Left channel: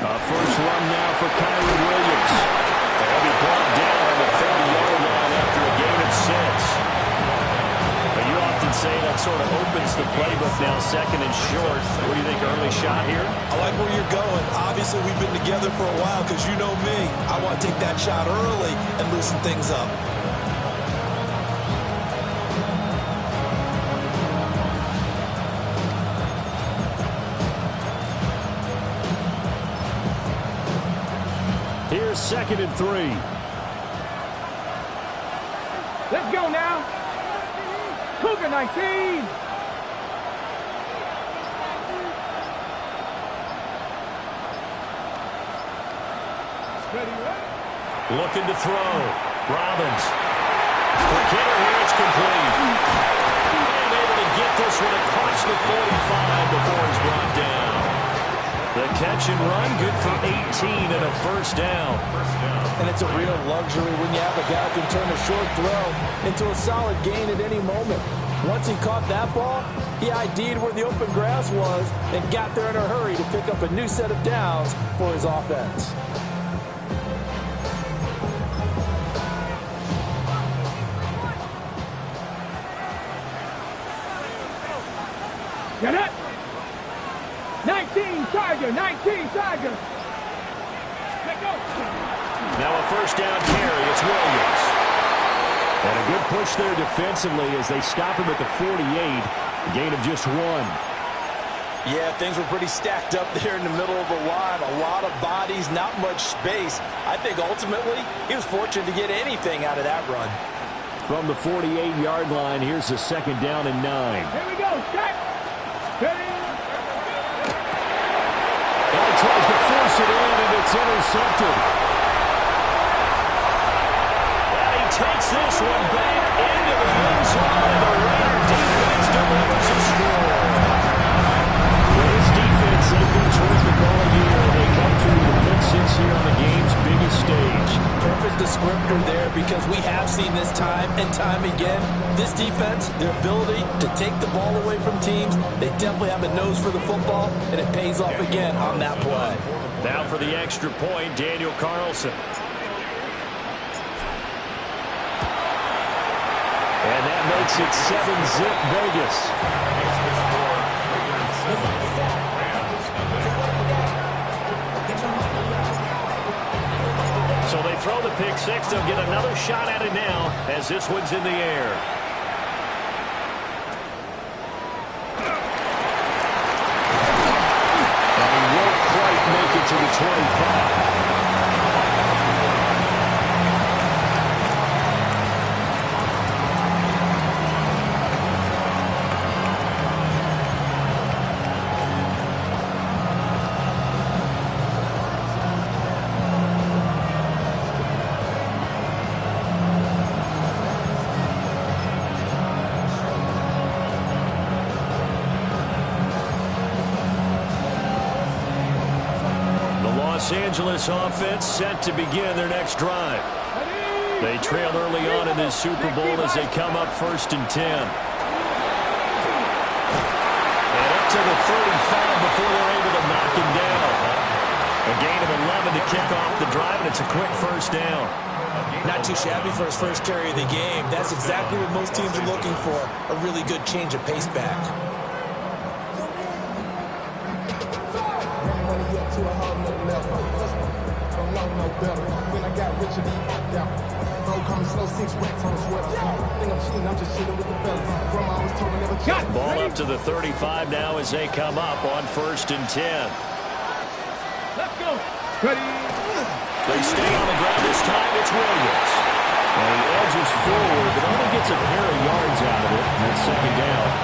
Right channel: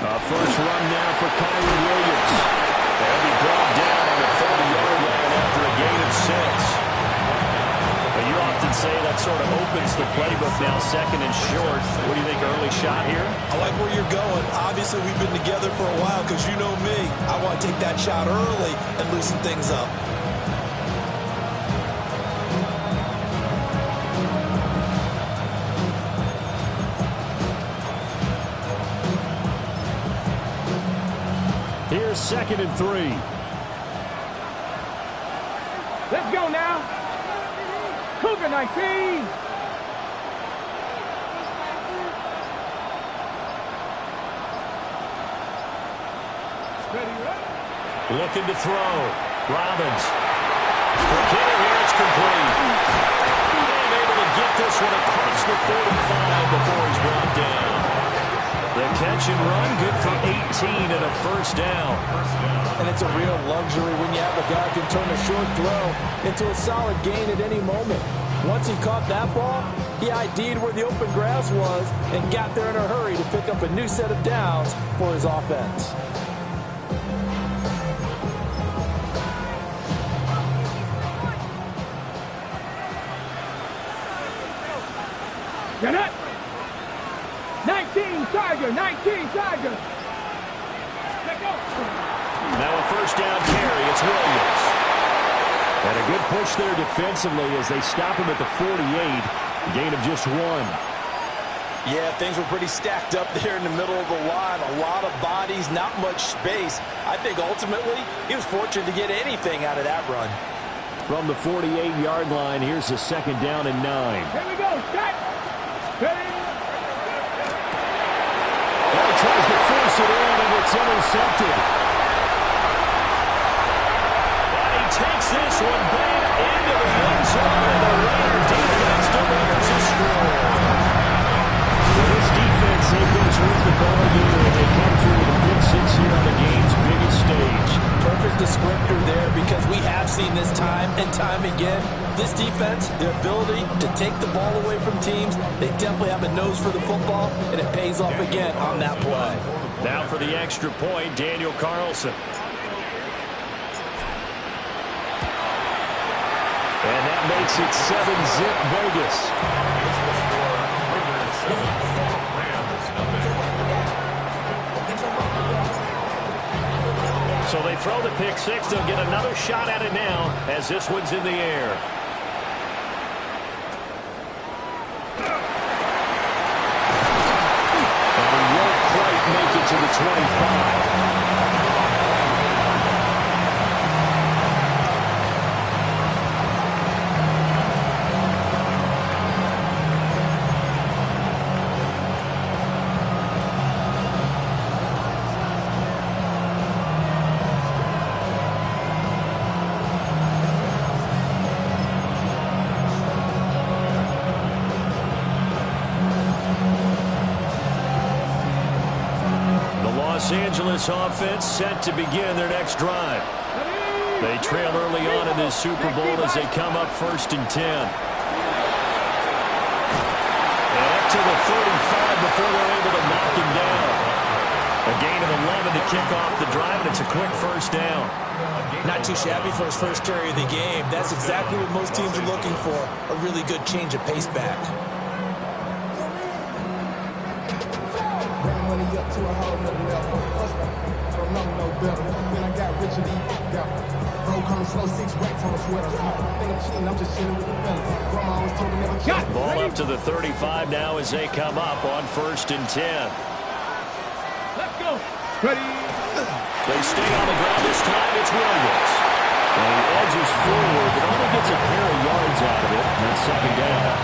First run now for Kyrie Williams. They'll be brought down on the 30-yard line after a gain of 6. But you often say that sort of opens the playbook now, second and short. What do you think, early shot here? I like where you're going. Obviously, we've been together for a while because you know me. I want to take that shot early and loosen things up. Here's 2nd and 3. Let's go now. Cougar 19. Ready, ready. Looking to throw. Robbins. For Kidder here, it's complete. And able to get this one across the 45 before he's brought down. The catch and run, good for 18 and a first down. And it's a real luxury when you have a guy who can turn a short throw into a solid gain at any moment. Once he caught that ball, he ID'd where the open grass was and got there in a hurry to pick up a new set of downs for his offense. Get it. 19 Tiger, 19 Tiger. Let go. Now a first down carry, it's Williams. And a good push there defensively as they stop him at the 48. Gain of just 1. Yeah, things were pretty stacked up there in the middle of the line. A lot of bodies, not much space. I think ultimately he was fortunate to get anything out of that run. From the 48-yard line, here's a 2nd down and 9. Here we go. Shot. Ready. Well, he tries to force it in, and it's intercepted. And he takes this one back into the end zone, and the Raider defense delivers a score. Well, this defense, they've been terrific all year. They come through with a pick 6 here on the game's biggest stage. Perfect descriptor there because we have seen this time and time again. This defense, their ability to take the ball away from teams, they definitely have a nose for the football, and it pays off again on that play. Now for the extra point, Daniel Carlson. And that makes it 7-zip Vegas. So they throw the pick 6. They'll get another shot at it now as this one's in the air. And he won't quite make it to the 25. Los Angeles offense set to begin their next drive. They trail early on in this Super Bowl as they come up 1st and 10. And up to the 35 before they're able to knock him down. A gain of 11 to kick off the drive, and it's a quick first down. Not too shabby for his first carry of the game. That's exactly what most teams are looking for, a really good change of pace back. Money up to a whole nother level. I don't know no better. When I got richer, bro, coming slow, 6 racks on a sweater. Think I'm cheating, I'm just chilling with the fellas. Grandma always told me never cheat. Ball up to the 35 now as they come up on 1st and 10. Let's go. Ready. They stay on the ground this time. It's Williams. And he edges forward, but only gets a pair of yards out of it. And it's 2nd down.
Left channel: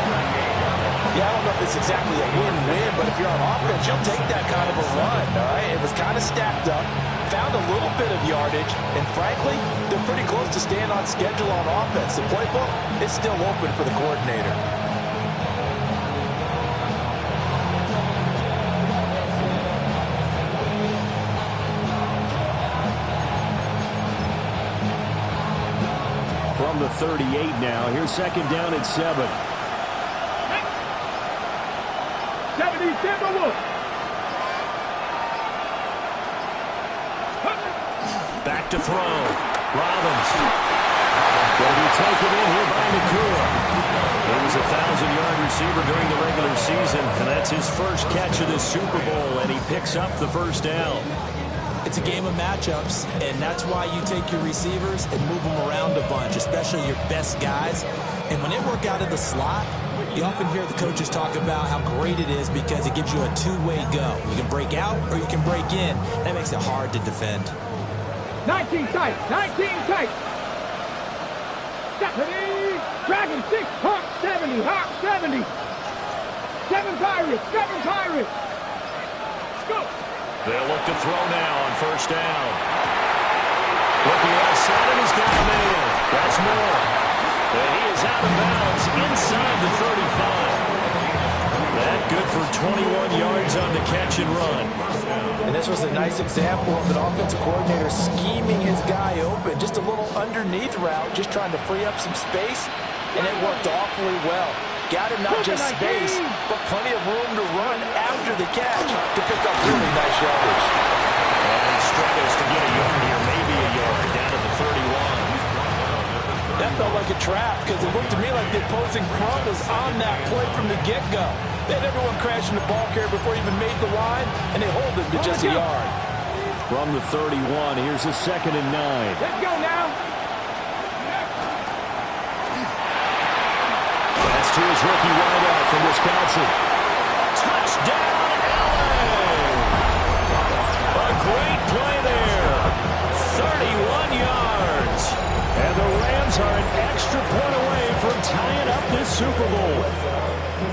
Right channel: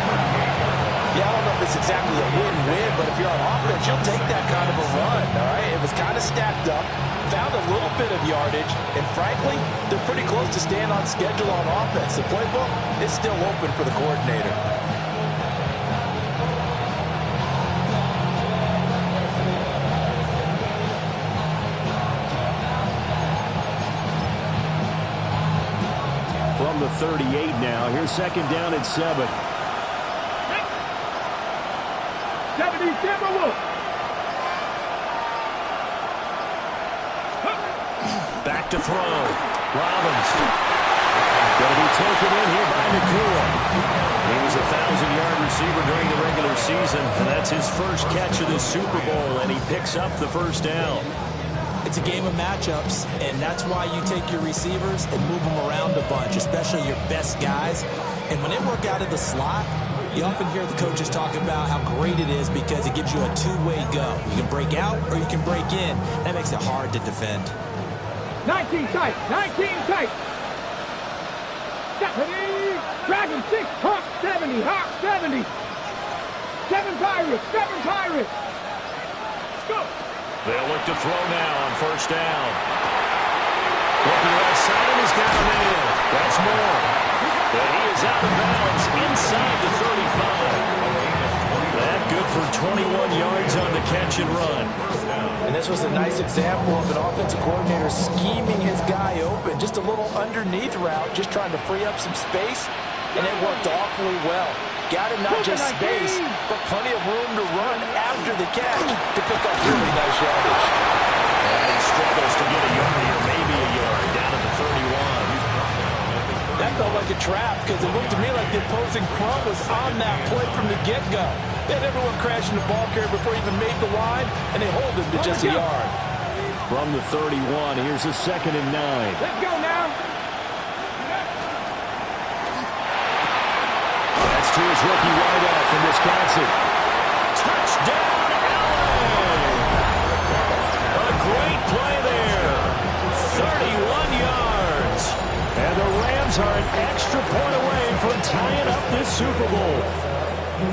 Yeah, I don't know if it's exactly a win-win, but if you're on offense, you'll take that kind of a run, all right? It was kind of stacked up, found a little bit of yardage, and frankly, they're pretty close to staying on schedule on offense. The playbook is still open for the coordinator. From the 38 now, here's 2nd down and 7. 70 Timberwolves. back to throw. Robbins. Going to be taken in here by Nakua. He was a 1,000-yard receiver during the regular season, and that's his first catch of this Super Bowl, and he picks up the first down. It's a game of matchups, and that's why you take your receivers and move them around a bunch, especially your best guys. And when they work out of the slot, you often hear the coaches talk about how great it is because it gives you a two-way go. You can break out or you can break in. That makes it hard to defend. 19 tight, 19 tight. Stephanie, Dragon 6, Hawk 70, Hawk 70. 7 Pirates, 7 Pirates. Let's go. They'll look to throw now on first down. Looking outside, and he's got a man. That's more. But he is out of bounds inside the 35. That good for 21 yards on the catch and run. And this was a nice example of an offensive coordinator scheming his guy open. Just a little underneath route, just trying to free up some space, and it worked awfully well. Got him not just space, but plenty of room to run after the catch to pick up really nice yardage. And he struggles to get a yard here, maybe a yard, down to the 31. That felt like a trap because it looked to me like the opposing front was on that play from the get-go. They had everyone crashing the ball carrier before he even made the line, and they hold him to just a yard. From the 31, here's a 2nd and 9. Let's go now. That's to his rookie wideout from Wisconsin. Touchdown, LA! A great play there. 31 yards. And the Rams are an extra point away from tying up this Super Bowl.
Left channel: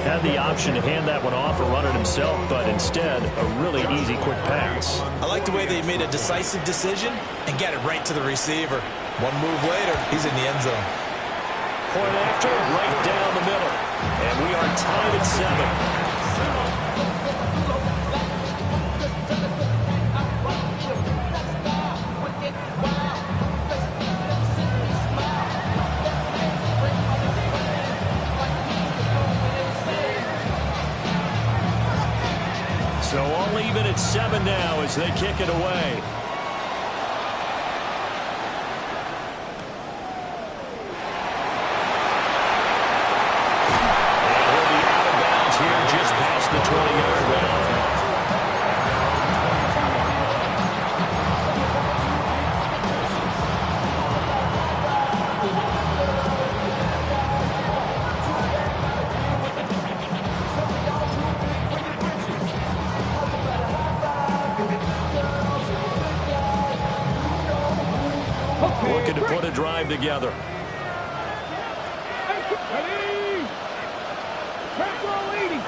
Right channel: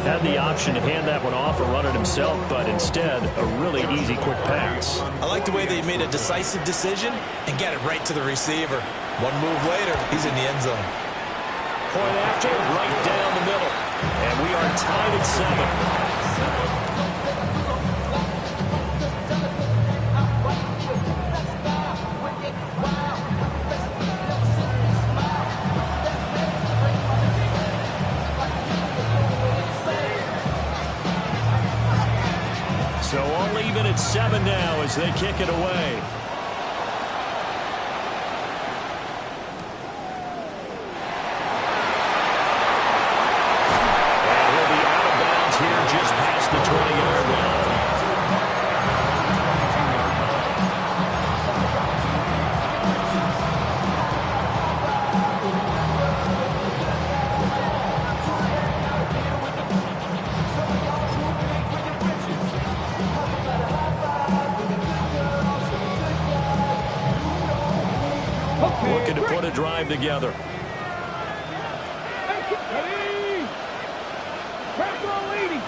Had the option to hand that one off or run it himself, but instead, a really easy, quick pass. I like the way they made a decisive decision and got it right to the receiver. One move later, he's in the end zone. Point after, right down the middle. And we are tied at 7. So all even at 7 now as they kick it away. And he'll be out of bounds here just past the 20-yard line. Looking to put a drive together. Ready? Press roll leading.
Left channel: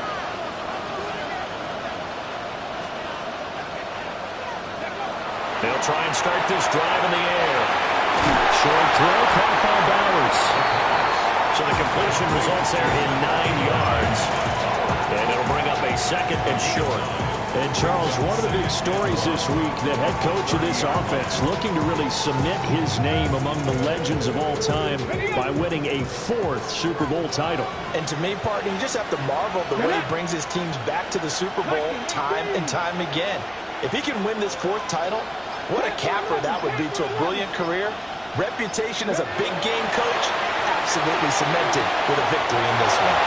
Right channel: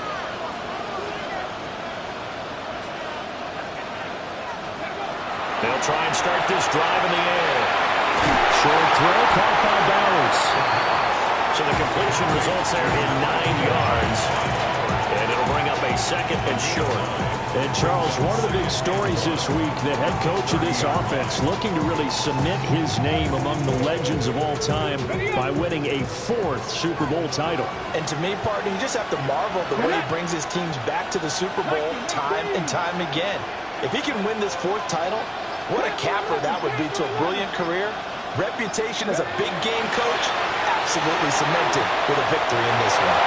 They'll try and start this drive in the air. Short throw caught by Bowers. So the completion results there in 9 yards. And it'll bring up a 2nd and short. And, Charles, one of the big stories this week, the head coach of this offense looking to really cement his name among the legends of all time by winning a 4th Super Bowl title. And to me, partner, you just have to marvel at the way he brings his teams back to the Super Bowl time and time again. If he can win this 4th title, what a capper that would be to a brilliant career. Reputation as a big game coach, absolutely cemented with a victory in this one.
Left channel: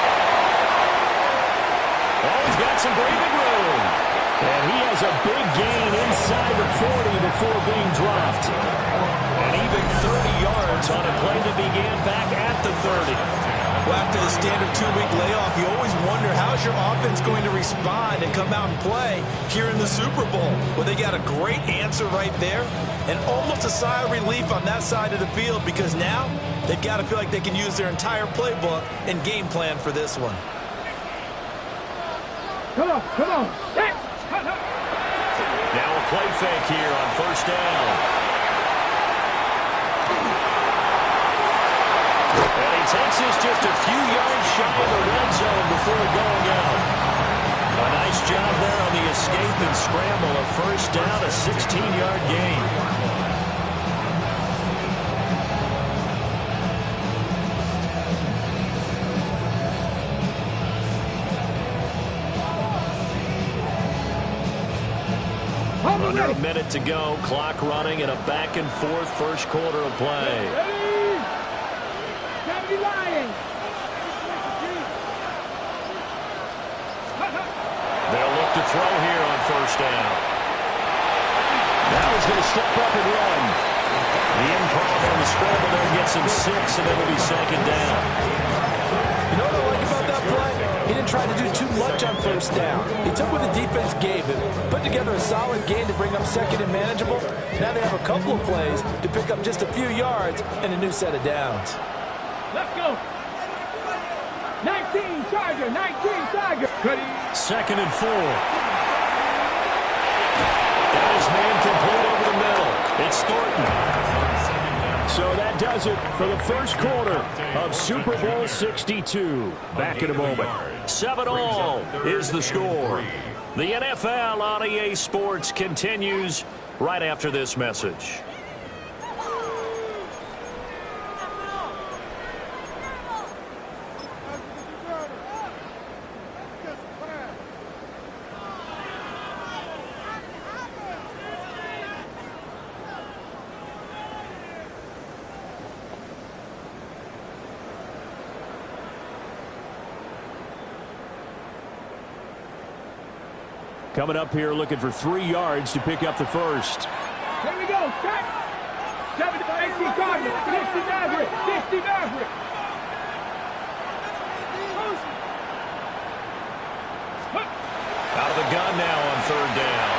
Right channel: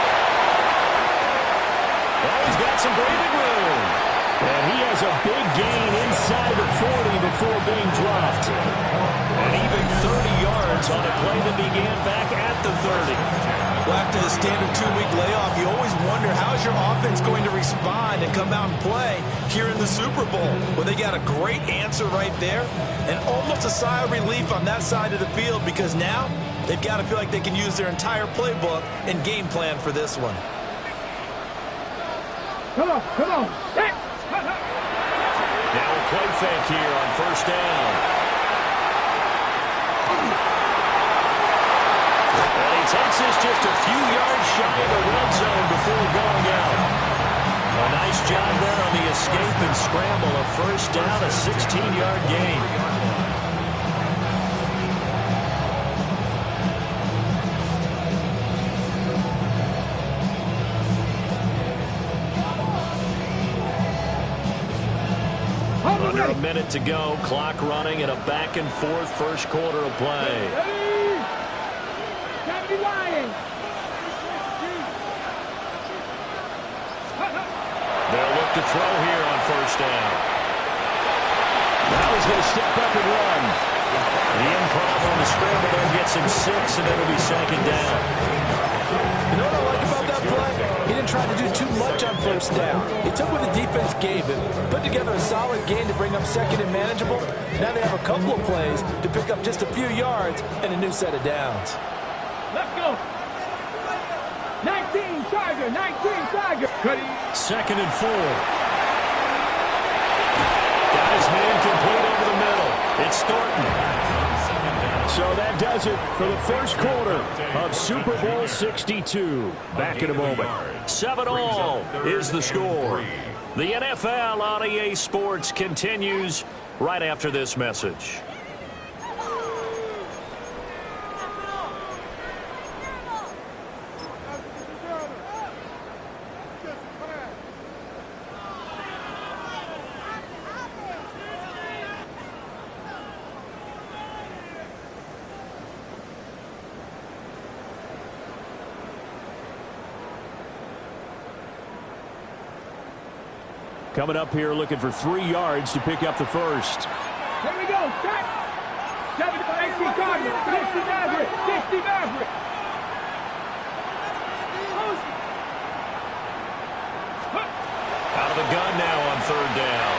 Oh, he's got some breathing room. And he has a big gain inside the 40 before being dropped. And even 30 yards on a play that began back at the 30. Well, after the standard 2-week layoff, you always wonder how's your offense going to respond and come out and play here in the Super Bowl. Well, they got a great answer right there and almost a sigh of relief on that side of the field because now they've got to feel like they can use their entire playbook and game plan for this one. Come on, come on. Now a play fake here on first down. And he takes this just a few yards shy of the red zone before going out. A nice job there on the escape and scramble. A first down, a 16-yard gain. Under a minute to go. Clock running in a back-and-forth first quarter of play. Ready? 70 Lions. They'll look to throw here on first down. Now he's going to step up and run. The improv on the scramble there gets him 6, and it'll be second down. You know what I like about that play? He didn't try to do too much on first down. He took what the defense gave him, put together a solid gain to bring up second and manageable. Now they have a couple of plays to pick up just a few yards and a new set of downs. Let's go. 19 Charger, 19 Charger. Second and 4. Got his man complete over the middle. It's Thornton. So that does it for the first quarter of Super Bowl 62. Back in a moment. 7-all is the score. The NFL on EA Sports continues right after this message. Coming up here looking for 3 yards to pick up the first. Here we go. Set. 70 Cardinals. 60 Maverick. 60 Maverick. Out of the gun now on third down.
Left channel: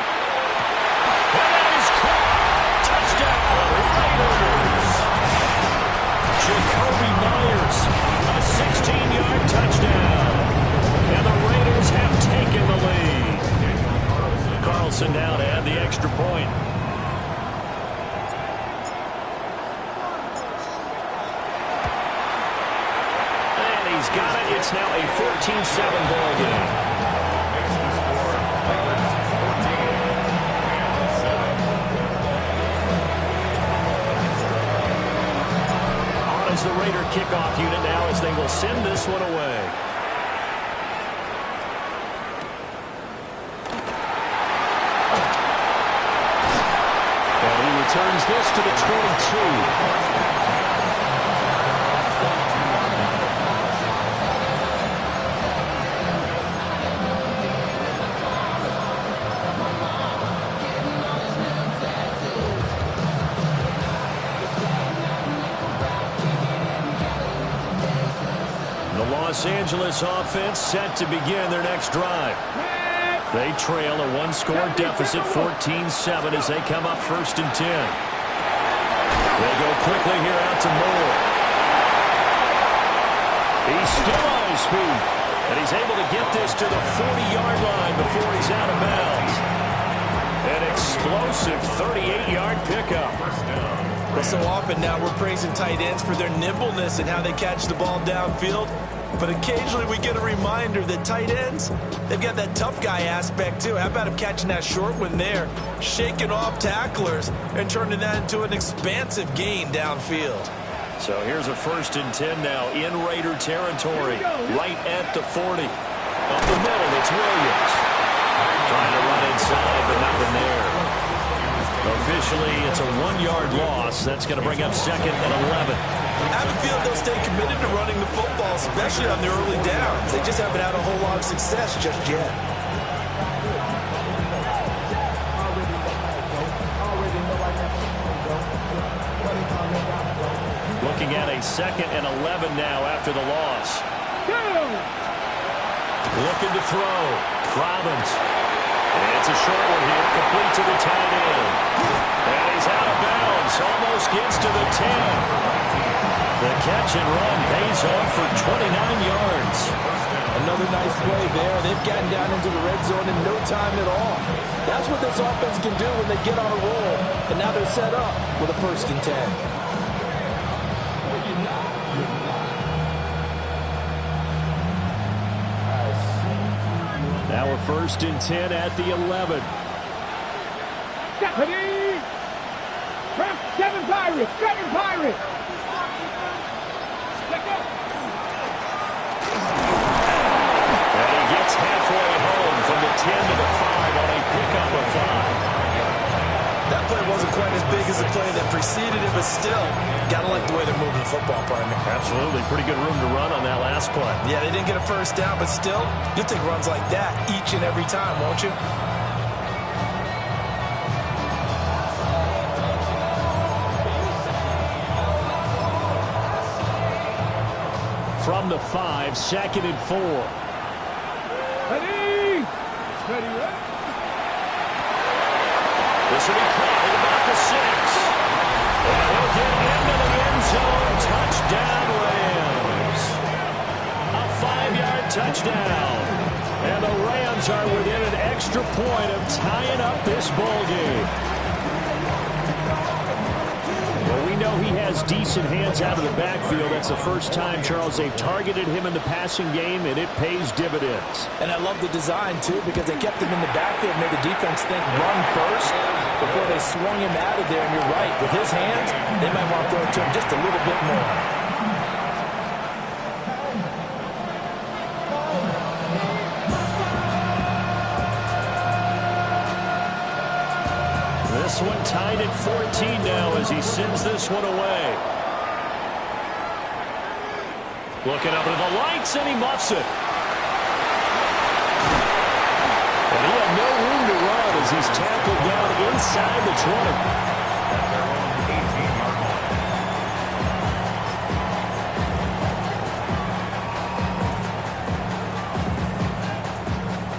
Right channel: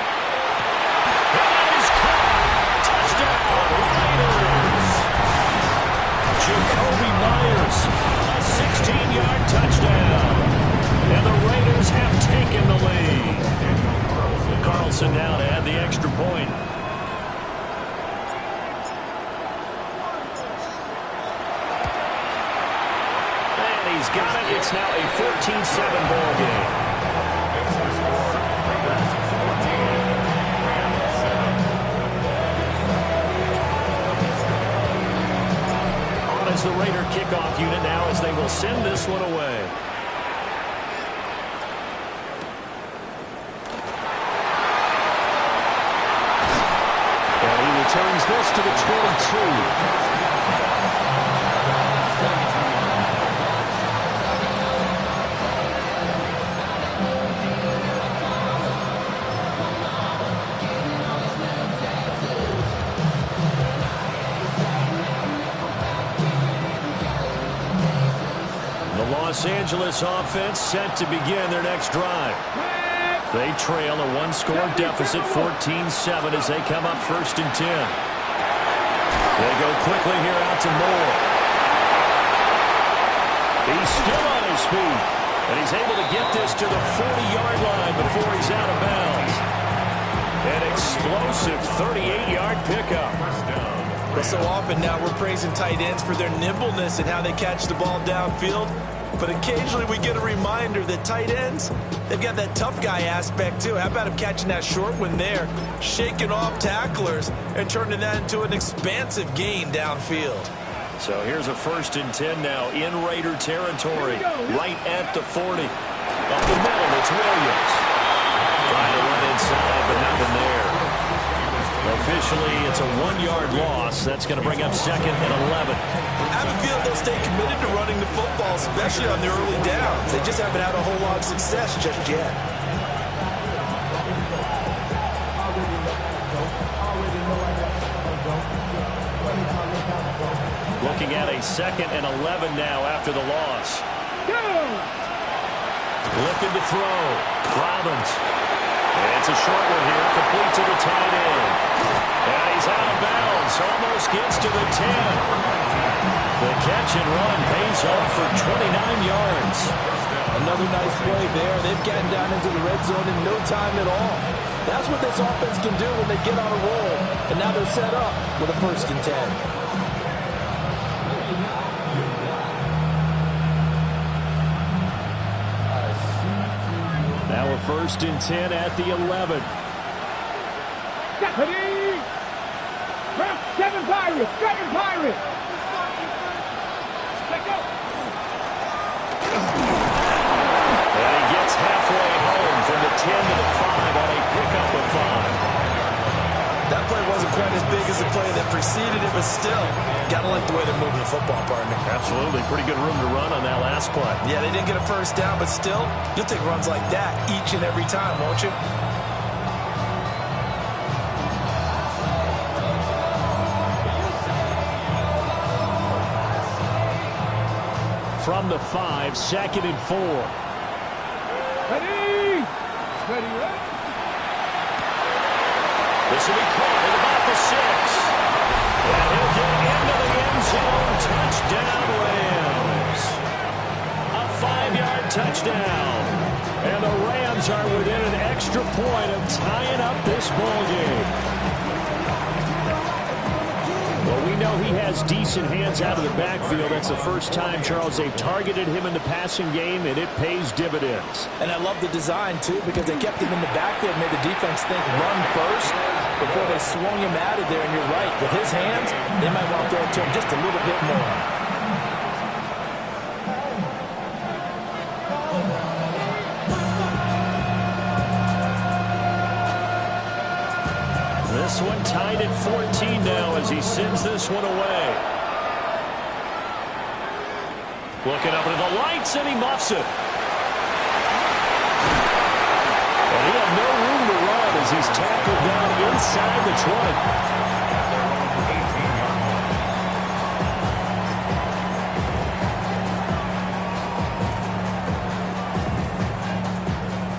And that is caught. Touchdown, Raiders. Jacoby Myers, a 16-yard touchdown. And the Raiders have taken the lead. Carlson now to add the extra point. And he's got it. It's now a 14-7 ball game. On is the Raider kickoff unit now as they will send this one away. Turns this to the 22. The Los Angeles offense set to begin their next drive. They trail a one-score deficit, 14-7, as they come up first and 10. They go quickly here out to Moore. He's still on his feet, and he's able to get this to the 40-yard line before he's out of bounds. An explosive 38-yard pickup. Well, so often now we're praising tight ends for their nimbleness and how they catch the ball downfield. But occasionally we get a reminder that tight ends, they've got that tough guy aspect too. How about him catching that short one there, shaking off tacklers, and turning that into an expansive gain downfield. So here's a first and 10 now in Raider territory, right at the 40. Up the middle, it's Williams. Trying to run inside, but nothing there. Officially, it's a 1-yard loss. That's going to bring up second and 11. I have a feeling they'll stay committed to running the football, especially on the early downs. They just haven't had a whole lot of success just yet. Looking at a second and 11 now after the loss. Looking to throw. Robbins. It's a short one here, complete to the tight end. And he's out of bounds, almost gets to the 10. The catch and run pays off for 29 yards. Another nice play there. They've gotten down into the red zone in no time at all. That's what this offense can do when they get on a roll. And now they're set up with a first and 10. Now a first and 10 at the 11. Stephanie! Seven Pirates! Seven Pirates! Let go! And he gets halfway home from the 10 to the 5 on a pickup of 5. wasn't quite as big as the play that preceded it, but still, got to like the way they're moving the football, partner. Absolutely. Pretty good room to run on that last play. Yeah, they didn't get a first down, but still, you'll take runs like that each and every time, won't you? From the 5, 2nd and 4. Ready? Ready, ready. This will be caught at about the 6. And he'll get into the end zone. Touchdown, Rams. A 5-yard touchdown. And the Rams are within an extra point of tying up this ball game. Well, we know he has decent hands out of the backfield. That's the first time, Charles, they've targeted him in the passing game, and it pays dividends. And I love the design, too, because they kept him in the backfield, made the defense think run first before they swung him out of there. And you're right, with his hands, they might want to throw it to him just a little bit more. This one tied at 14 now as he sends this one away. Looking up into the lights, and he muffs it. And he had no room to run as he's tackled down inside the 20.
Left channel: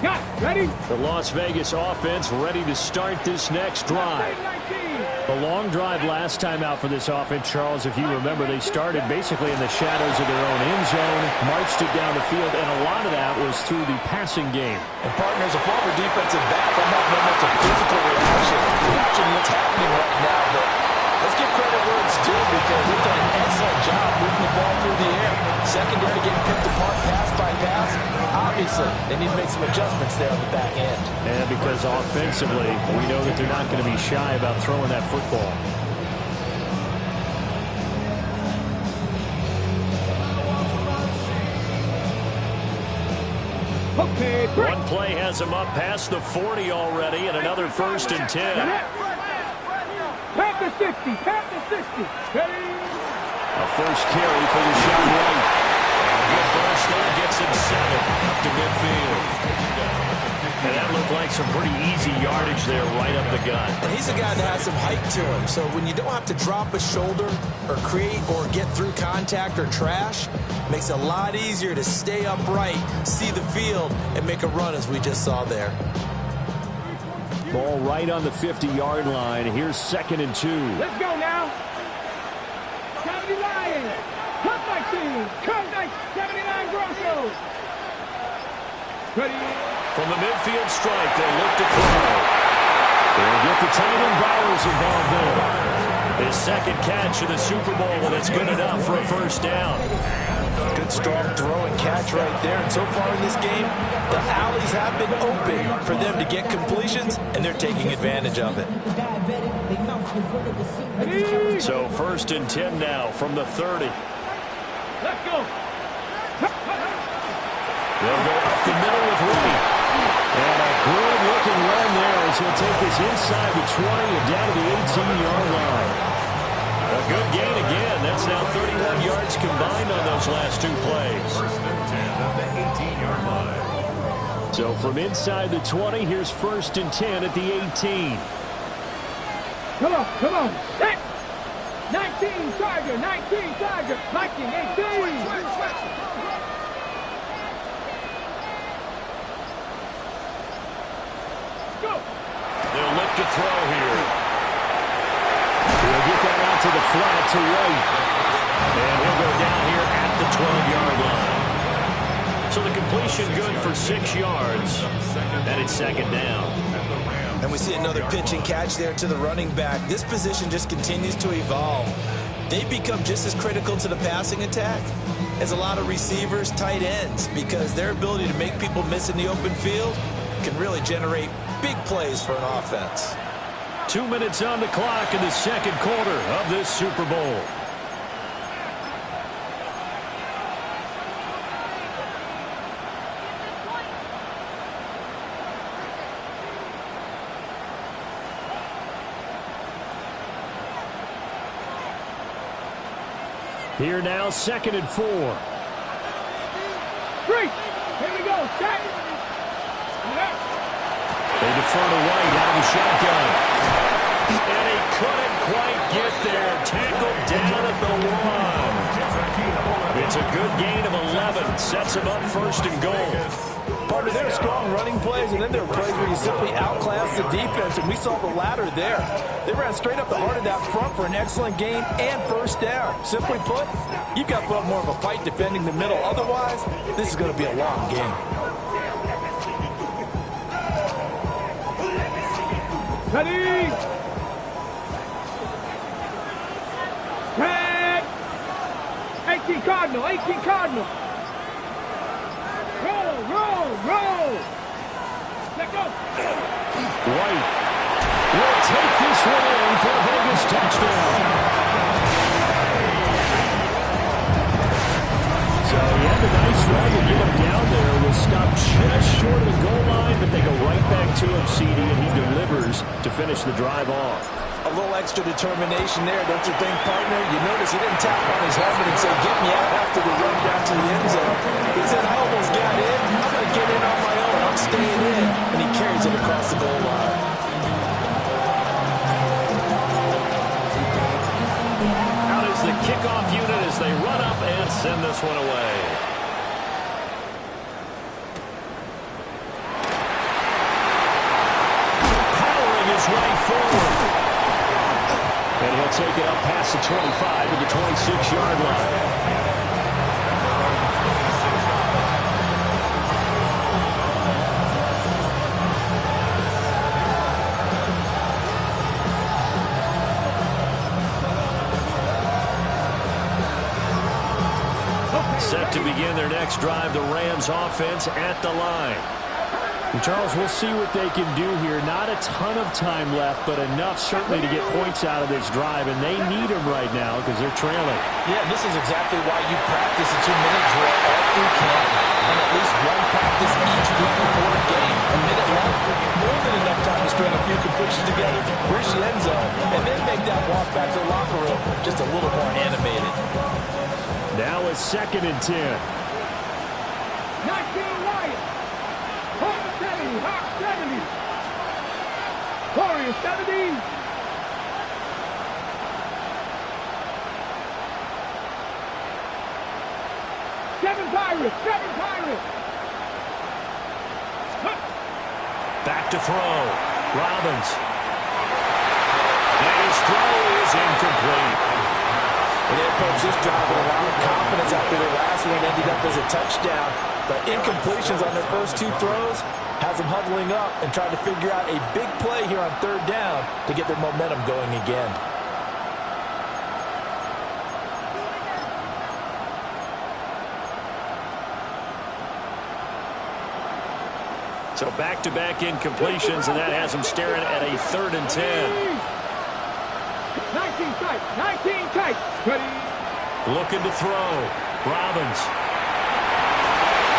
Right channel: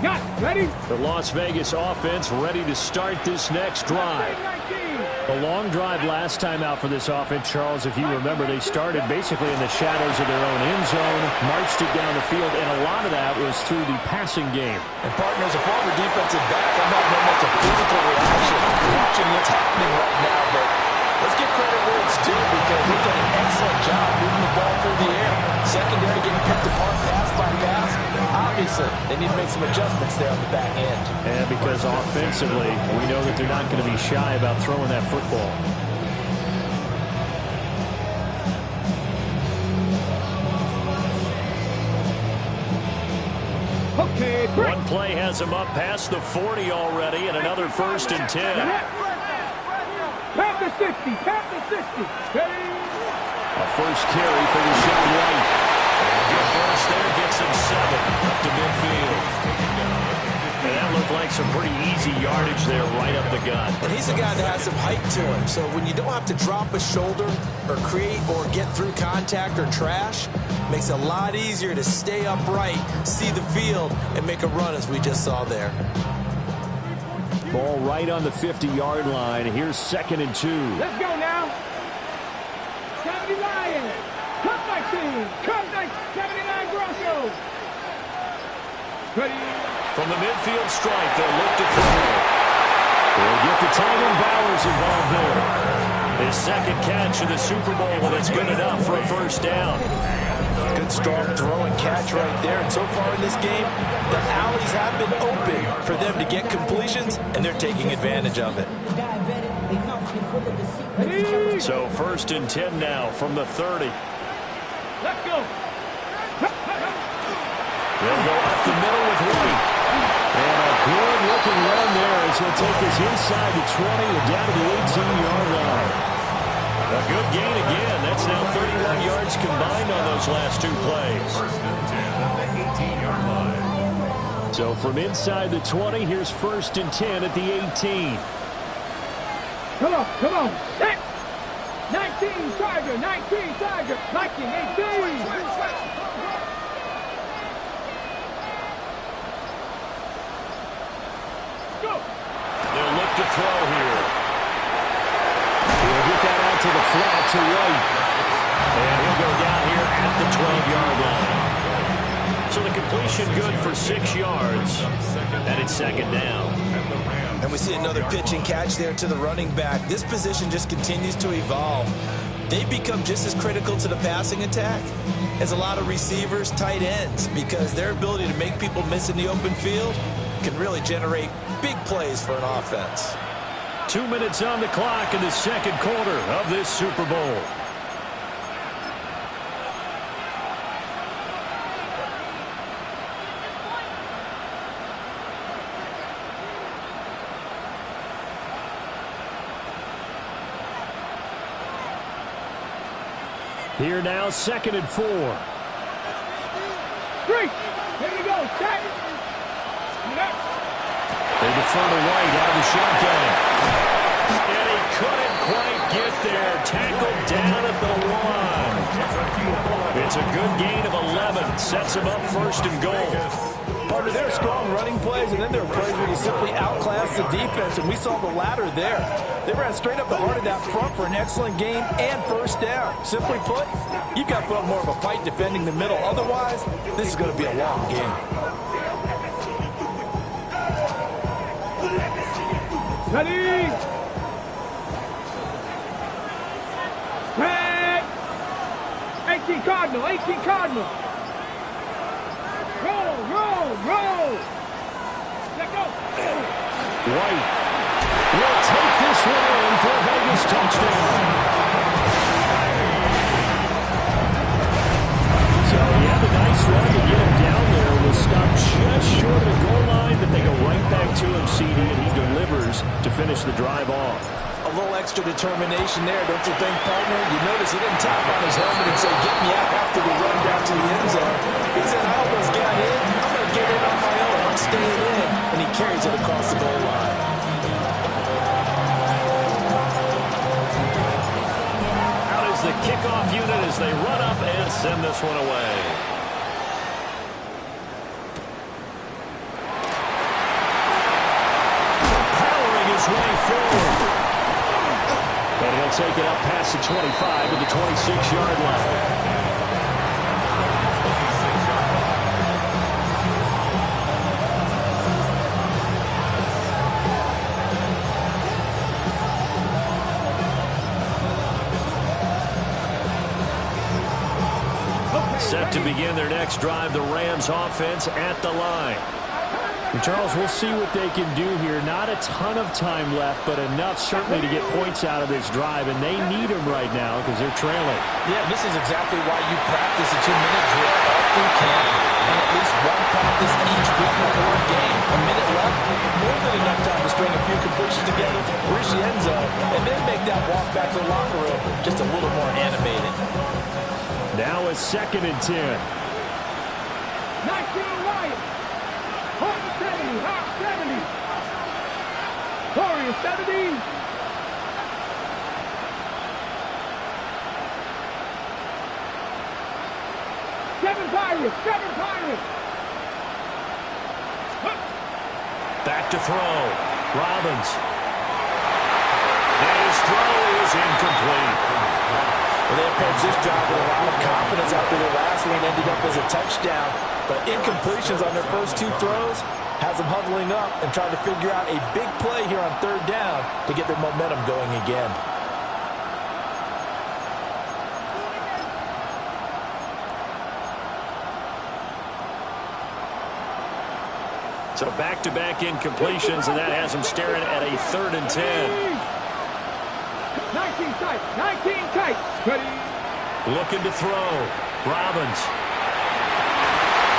Got it. Ready? The Las Vegas offense ready to start this next drive. 19. A long drive last time out for this offense, Charles. If you remember, they started basically in the shadows of their own end zone, marched it down the field, and a lot of that was through the passing game. And partners, a former defensive back, I'm having almost a physical reaction watching what's happening right now, but let's give credit where it's due because they've done an excellent job moving the ball through the air. Secondary getting picked apart pass by pass. Obviously, they need to make some adjustments there on the back end. And because offensively, we know that they're not going to be shy about throwing that football. Okay, break. One play has him up past the 40 already, and another 1st and 10. Tap the 60. Tap the 60. Ready? A first carry for the shot right. And a good burst there gets him 7 up to midfield. And that looked like some pretty easy yardage there right up the gut. And he's a guy that has some height to him, so when you don't have to drop a shoulder or create or get through contact or trash, makes it a lot easier to stay upright, see the field, and make a run as we just saw there. Ball right on the 50-yard line. Here's 2nd and 2. Let's go now. 70 Lions. Cut 19. Cut 79 Broncos. Ready? From the midfield stripe, they'll look to throw. They'll get the tight end Bowers involved there. His 2nd catch of the Super Bowl, and it's good enough for a first down. Good, strong throw and catch right there. And so far in this game, the alleys have been open for them to get completions, and they're taking advantage of it. So 1st and 10 now from the 30. Let's go. They'll go up the middle with White. And a good-looking run there as he'll take this inside the 20 and down to the 18-yard line. A good gain again. That's now 31 yards combined on those last 2 plays. 1st and 10 at the 18-yard line. So from inside the 20, here's 1st and 10 at the 18. Come on, come on. Set. 19 Tiger, 19 Tiger, 19, 18. Go. They'll look to throw here. He'll get that out to the flat to White. And he'll go down here at the 12-yard line. So the completion good for 6 yards. And it's 2nd down. And we see another pitch and catch there to the running back. This position just continues to evolve. They become just as critical to the passing attack as a lot of receivers, tight ends, because their ability to make people miss in the open field can really generate big plays for an offense. 2 minutes on the clock in the 2nd quarter of this Super Bowl. Here now, 2nd and 4. 3. Here we go. Set. They defer to White out of the shotgun. And he couldn't quite get there. Tackled down at the 1. It's a good gain of 11. Sets him up 1st and goal. Partner, there are strong running plays, and then there are plays where you simply outclass the defense, and we saw the latter there. They ran straight up the heart of that front for an excellent game and 1st down. Simply put, you've got to put up more of a fight defending the middle. Otherwise, this is going to be a long game. Ready. Set. 18 Cardinal. 18 Cardinal. Roll, roll, roll. Let go. White will take this one in for a Vegas touchdown. So he had a nice run to get him down there. Was stopped just short of the goal line, but they go right back to him, CD, and he delivers to finish the drive off. A little extra determination there, don't you think, partner? You notice he didn't tap on his helmet and say, get me out after the run down to the end zone. He said, I almost got in. I'm going to get in on my own. I'm staying in. And he carries it across the goal line. Out is the kickoff unit as they run up and send this one away. Powering his way forward. And he'll take it up past the 25 to the 26-yard line. Set to begin their next drive, the Rams offense at the line. And Charles, we'll see what they can do here. Not a ton of time left, but enough certainly to get points out of this drive, and they need them right now because they're trailing. Yeah, this is exactly why you practice a 2-minute drill all through camp and at least one practice each week before a game. A minute left, more than enough time to string a few completions together, reach the end zone, and then make that walk back to the locker room just a little more animated. Now it's 2nd and 10. 19 Lions. Hawk 70. Hawk 70. Warriors 70. Seven Pirates. Back to throw. Robbins. And his throw is incomplete. Well, they approached this drive with a lot of confidence after their last one ended up as a touchdown. But incompletions on their first 2 throws has them huddling up and trying to figure out a big play here on 3rd down to get their momentum going again. So back-to-back incompletions, and that has them staring at a 3rd and 10. 19 tight. 19 tight. Ready. Looking to throw. Robbins.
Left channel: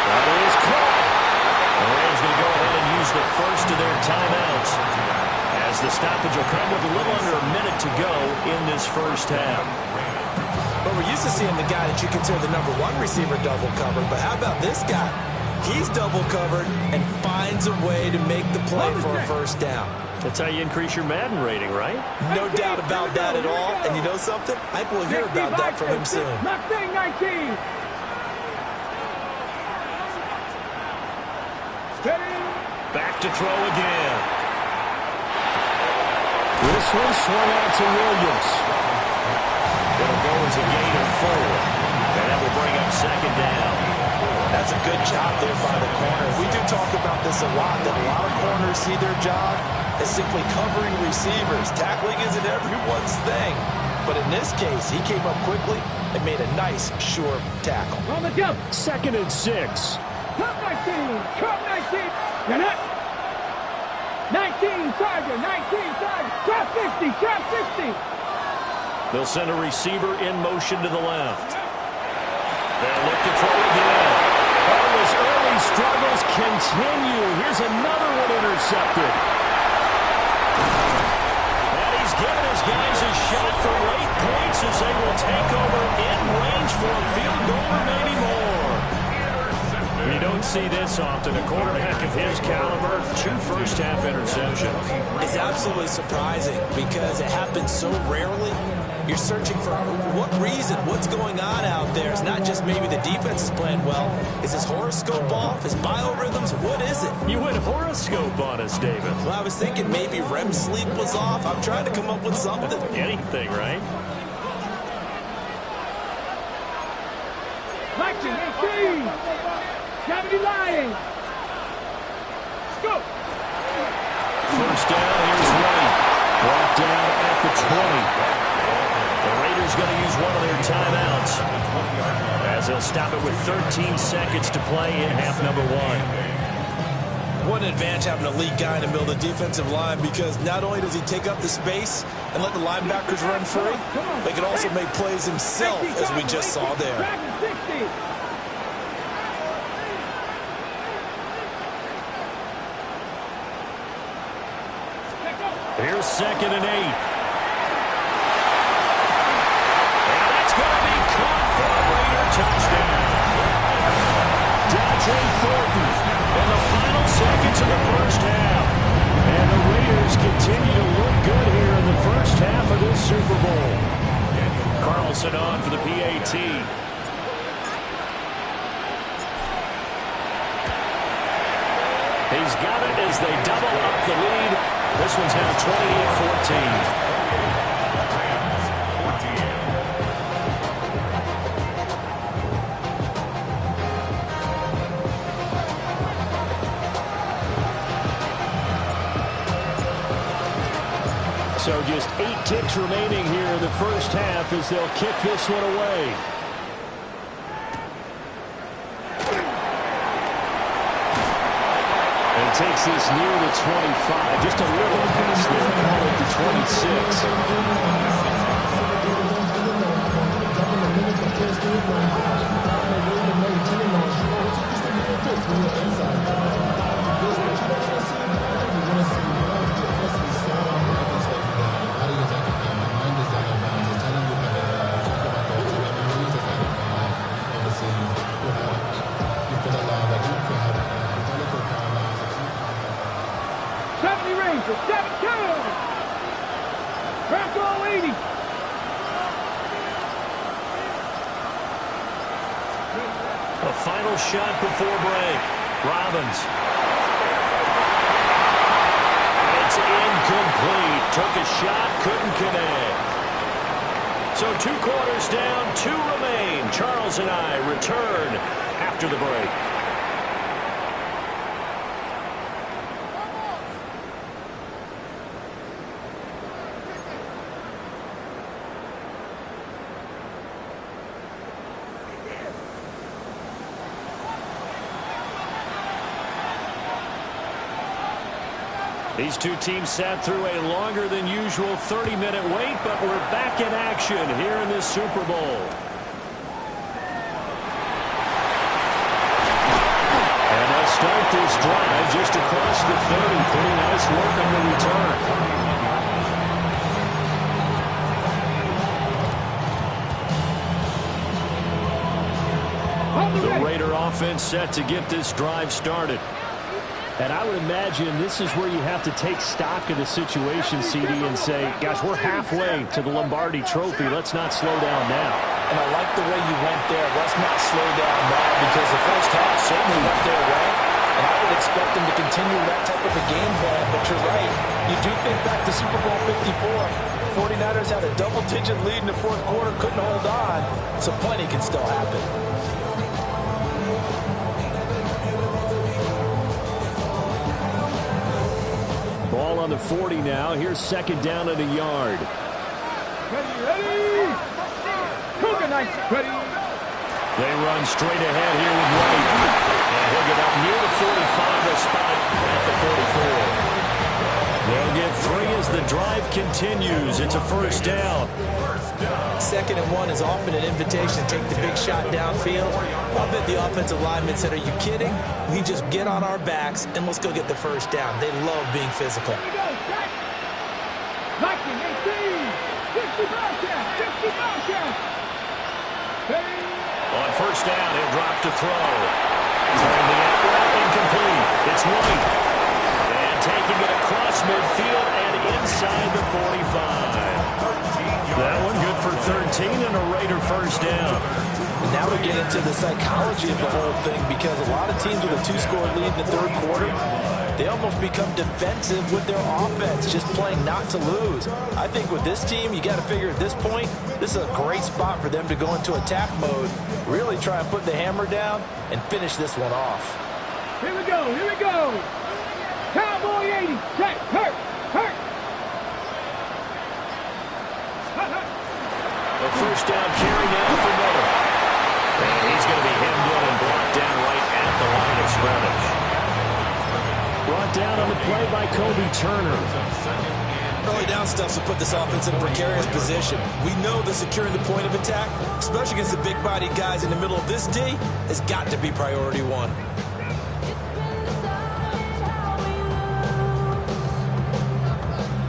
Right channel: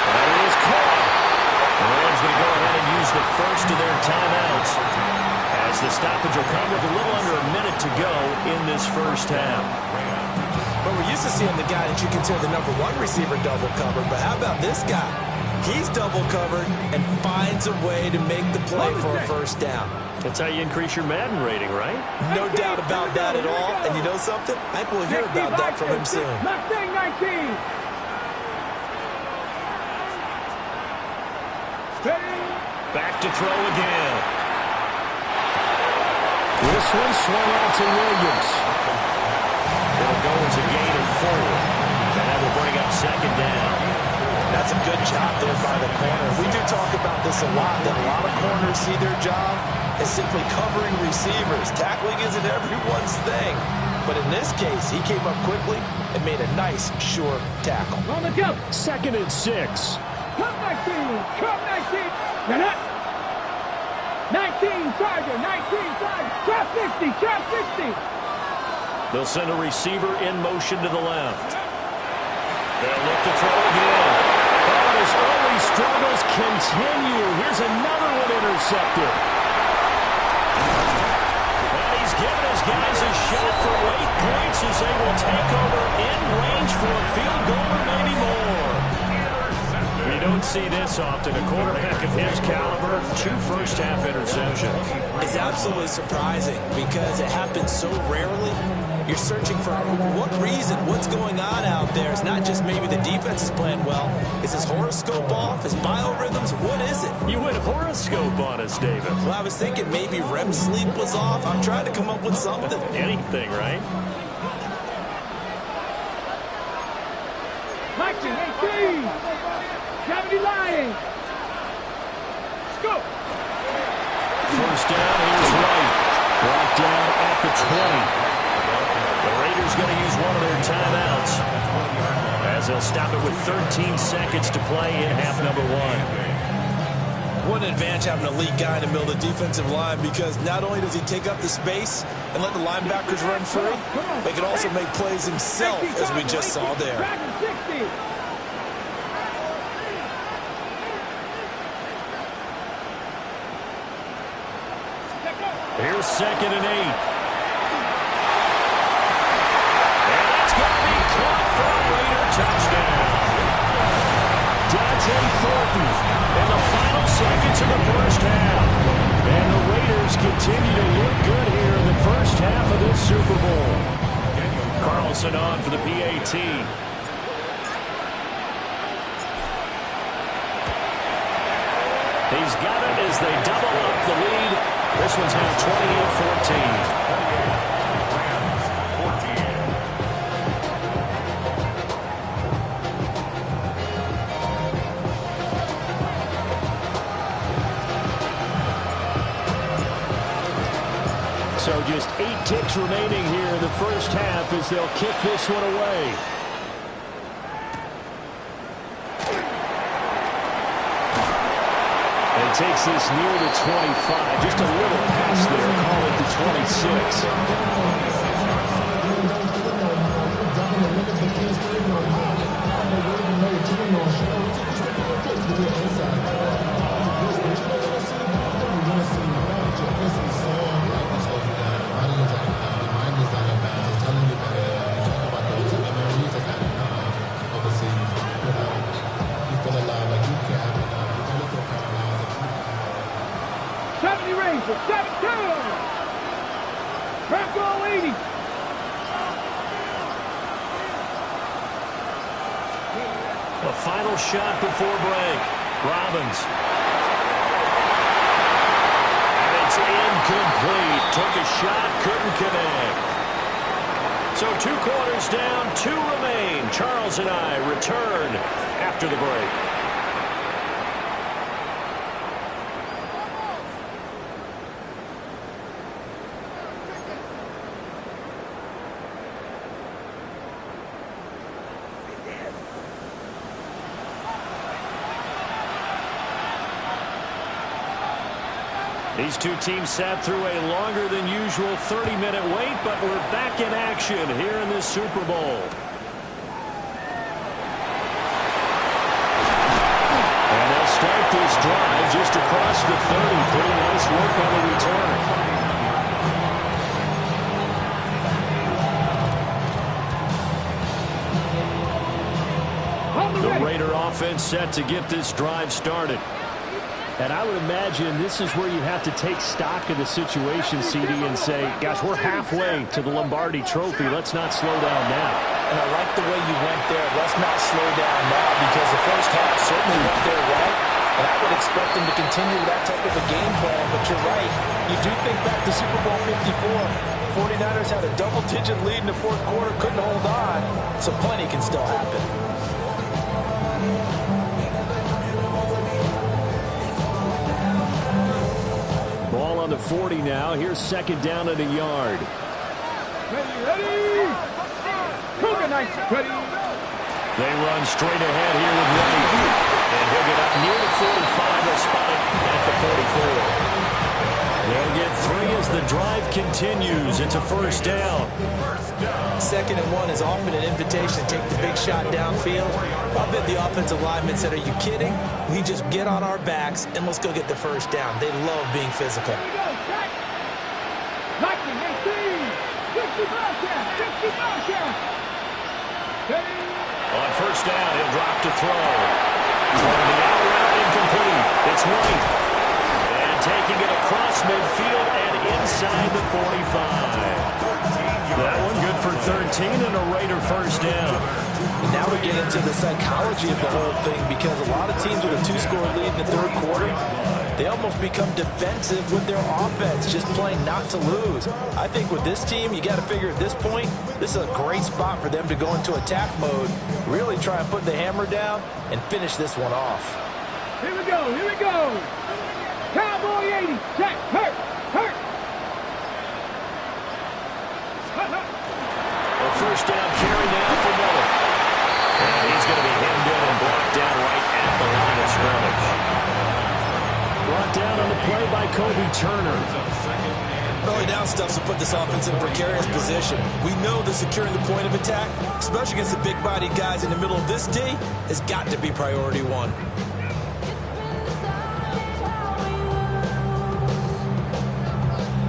That is caught. The Rams going to go ahead and use the first of their timeouts as the stoppage will come with a little under a minute to go in this first half. But we're used to seeing the guy that you consider the #1 receiver double covered. But how about this guy? He's double covered and finds a way to make the play for a 1st down. That's how you increase your Madden rating, right? No doubt about that at all. And you know something? I think we'll hear about that from him soon. Mustang 19. Back to throw again. This one swung out to Williams. It'll go as a gain of 4. And that will bring up 2nd down. That's a good job there by the corner. We do talk about this a lot, that a lot of corners see their job as simply covering receivers. Tackling isn't everyone's thing. But in this case, he came up quickly and made a nice, sure tackle. On the jump. 2nd and 6. Cup 19. Cup 19. You're not. 19 Tiger. 19 Tiger. Trap 50. Trap 50. They'll send a receiver in motion to the left. They'll look to throw again. Oh, his early struggles continue. Here's another one intercepted. And he's giving his guys a shot for late points as they will take over in range for a field goal or maybe more. You don't see this often. A quarterback of his caliber, 2 first-half interceptions. It's absolutely surprising because it happens so rarely. You're searching for what reason, what's going on out there. It's not just maybe the defense is playing well. Is his horoscope off? His biorhythms? What is it? You went horoscope on us, David. Well, I was thinking maybe REM sleep was off. I'm trying to come up with something. Anything, right? Action, 18. 70 Lions. Go. First down, here's White. Brought down at the 20. The Raiders going to use one of their timeouts as they'll stop it with 13 seconds to play in half number 1. What an advantage having a lead guy in the middle of the defensive line, because not only does he take up the space and let the linebackers run free, but he can also make plays himself, as we just saw there. Here's 2nd and 8. And that's going to be caught for a Raider touchdown. Dante Thornton in the final seconds of the first half. And the Raiders continue to look good here in the first half of this Super Bowl. Carlson on for the PAT. He's got it as they double up the lead. This one's now 28-14. So just 8 ticks remaining here in the first half as they'll kick this one away. And it takes this near the 25. Just a little pass there. Call it the 26. Rangers, 7-2. Bronco 80. A final shot before break. Robbins. And it's incomplete. Took a shot, couldn't connect. So 2 quarters down, 2 remain. Charles and I return after the break. These 2 teams sat through a longer than usual 30-minute wait, but we're back in action here in this Super Bowl. And they'll start this drive just across the 30. Pretty nice work on the return. The Raider offense set to get this drive started. And I would imagine this is where you have to take stock of the situation, CD, and say, gosh, we're halfway to the Lombardi Trophy. Let's not slow down now. And I like the way you went there. Let's not slow down now, because the first half certainly went their way. And I would expect them to continue that type of a game plan. But you're right. You do think back to Super Bowl 54. 49ers had a double-digit lead in the fourth quarter, couldn't hold on. So plenty can still happen. Ball on the 40 now. Here's 2nd down and a yard. Ready. Cougar Knights, ready. They run straight ahead here with White. And he'll get up near the 45. They'll spot it at the 44. They'll get 3 as the drive continues. It's a first down. 2nd and 1 is often an invitation to take the big shot downfield. I bet the offensive lineman said, are you kidding? We just get on our backs and let's go get the first down. They love being physical. Lightning, 18. 60 Bobcat. 60 Bobcat. Hey. On first down, he'll drop to throw. Throwing the out route incomplete. It's White. And taking it across midfield and inside the 45. That one good for 13 and a Raider first down. And now we get into the psychology of the whole thing, because a lot of teams with a 2-score lead in the third quarter, they almost become defensive with their offense, just playing not to lose. I think with this team, you got to figure at this point, this is a great spot for them to go into attack mode, really try and put the hammer down and finish this one off. Here we go. Here we go. Cowboy 80. Check. Hurt. Hurt. A first down carry now for Miller. And he's going to be hemmed in and brought down right at the line of scrimmage. Brought down on the play by Kobe Turner. Early down stuff to put this offense in a precarious position. We know that securing the point of attack, especially against the big-bodied guys in the middle of this D, has got to be priority one.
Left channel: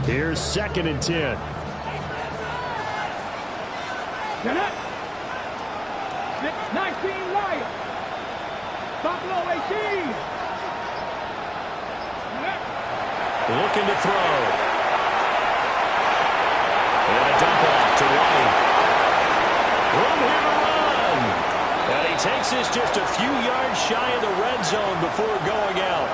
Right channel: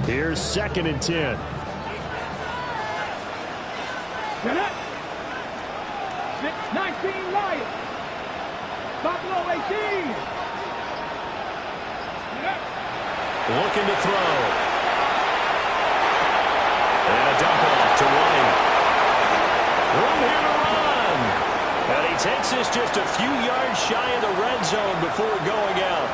Here's 2nd and 10. Get up. 19 Lions. Buffalo 18. Get up. Looking to throw. And a dump off to White. Room here to run. And he takes this just a few yards shy of the red zone before going out.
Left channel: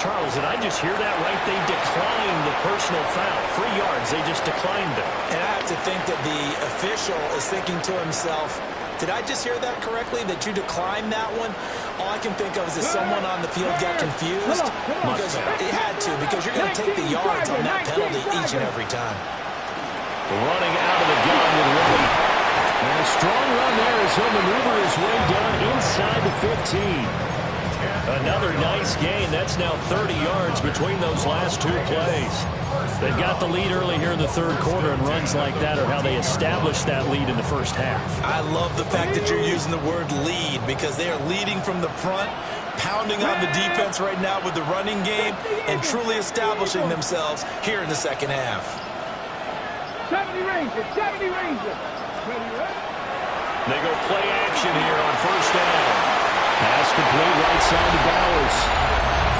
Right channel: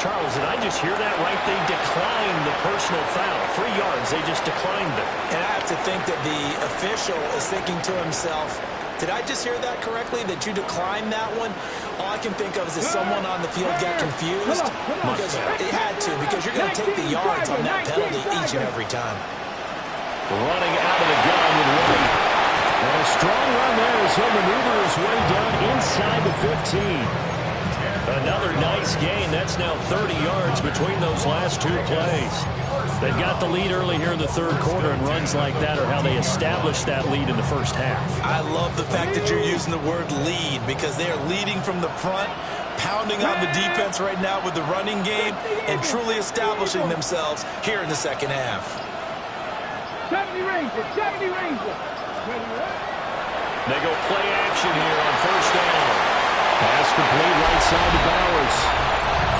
Charles, did I just hear that right? They declined the personal foul. 3 yards, they just declined it. And I have to think that the official is thinking to himself, did I just hear that correctly, that you declined that one? All I can think of is that someone on the field got confused. Because it had to, because you're going to take the yards on that penalty each and every time. Running out of the gun with White. And a strong run there as he'll maneuver his way down inside the 15. Another nice gain. That's now 30 yards between those last 2 plays. They've got the lead early here in the third quarter, and runs like that are how they establish that lead in the first half. I love the fact that you're using the word lead, because they are leading from the front, pounding on the defense right now with the running game, and truly establishing themselves here in the second half. 70 Rangers. 70 Rangers. They go play action here on first down. Pass complete right side to Bowers.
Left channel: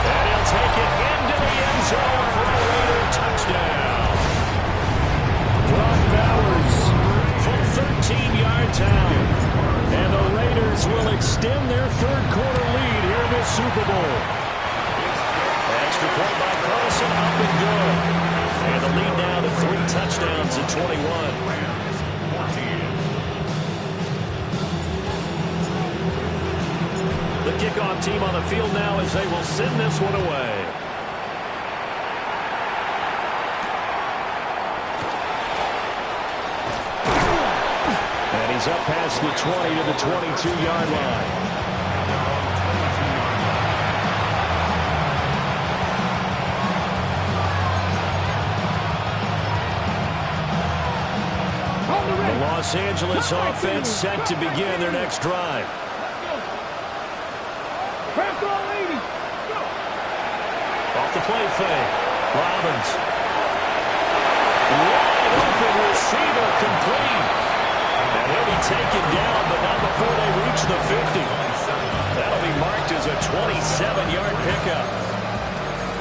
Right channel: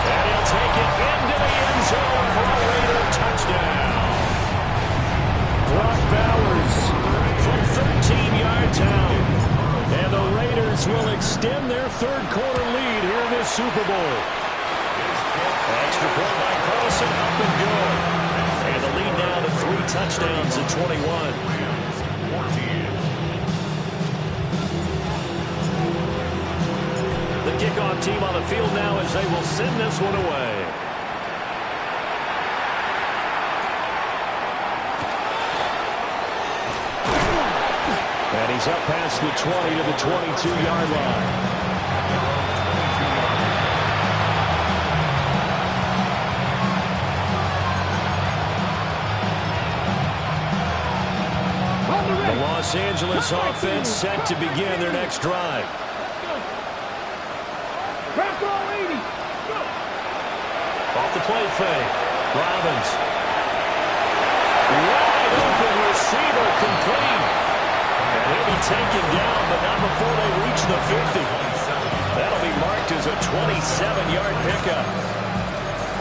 And he'll take it into the end zone for a Raider touchdown. Brock Bowers from 13 yards out. And the Raiders will extend their third quarter lead here in this Super Bowl. Extra point by Carlson, up and good. And the lead now to 3 touchdowns at 21. 14. The kickoff team on the field now as they will send this one away. And he's up past the 20 to the 22-yard line. The Los Angeles offense set to begin their next drive. Off the play fake. Robbins. Wide open receiver complete. And he'll be taken down, but not before they reach the 50. That'll be marked as a 27-yard pickup.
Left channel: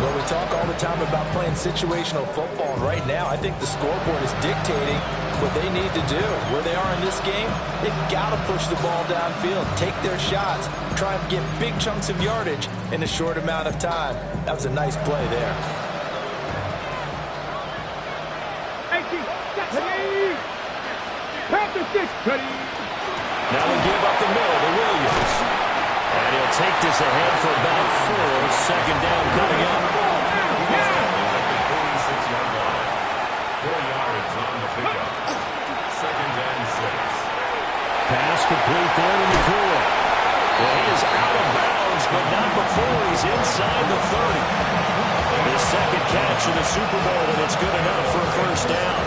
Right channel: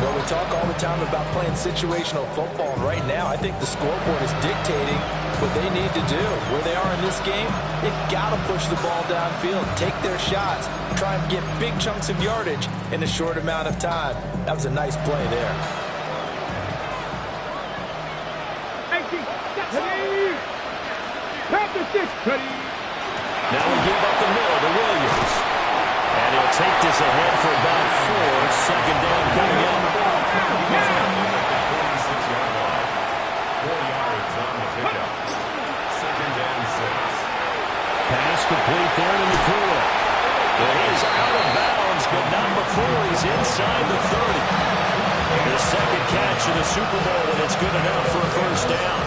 Well, we talk all the time about playing situational football. Right now, I think the scoreboard is dictating what they need to do. Where they are in this game, they've got to push the ball downfield, take their shots, try and get big chunks of yardage in a short amount of time. That was a nice play there. Now we give up the middle to Williams. And he'll take this ahead for about 4. Second down coming up. At the 46-yard line. 4 yards on the pickup. Second and 6. Pass complete there to Nakua. Well, he is out of bounds, but not before he's inside the 30. His second catch in the Super Bowl, and it's good enough for a first down.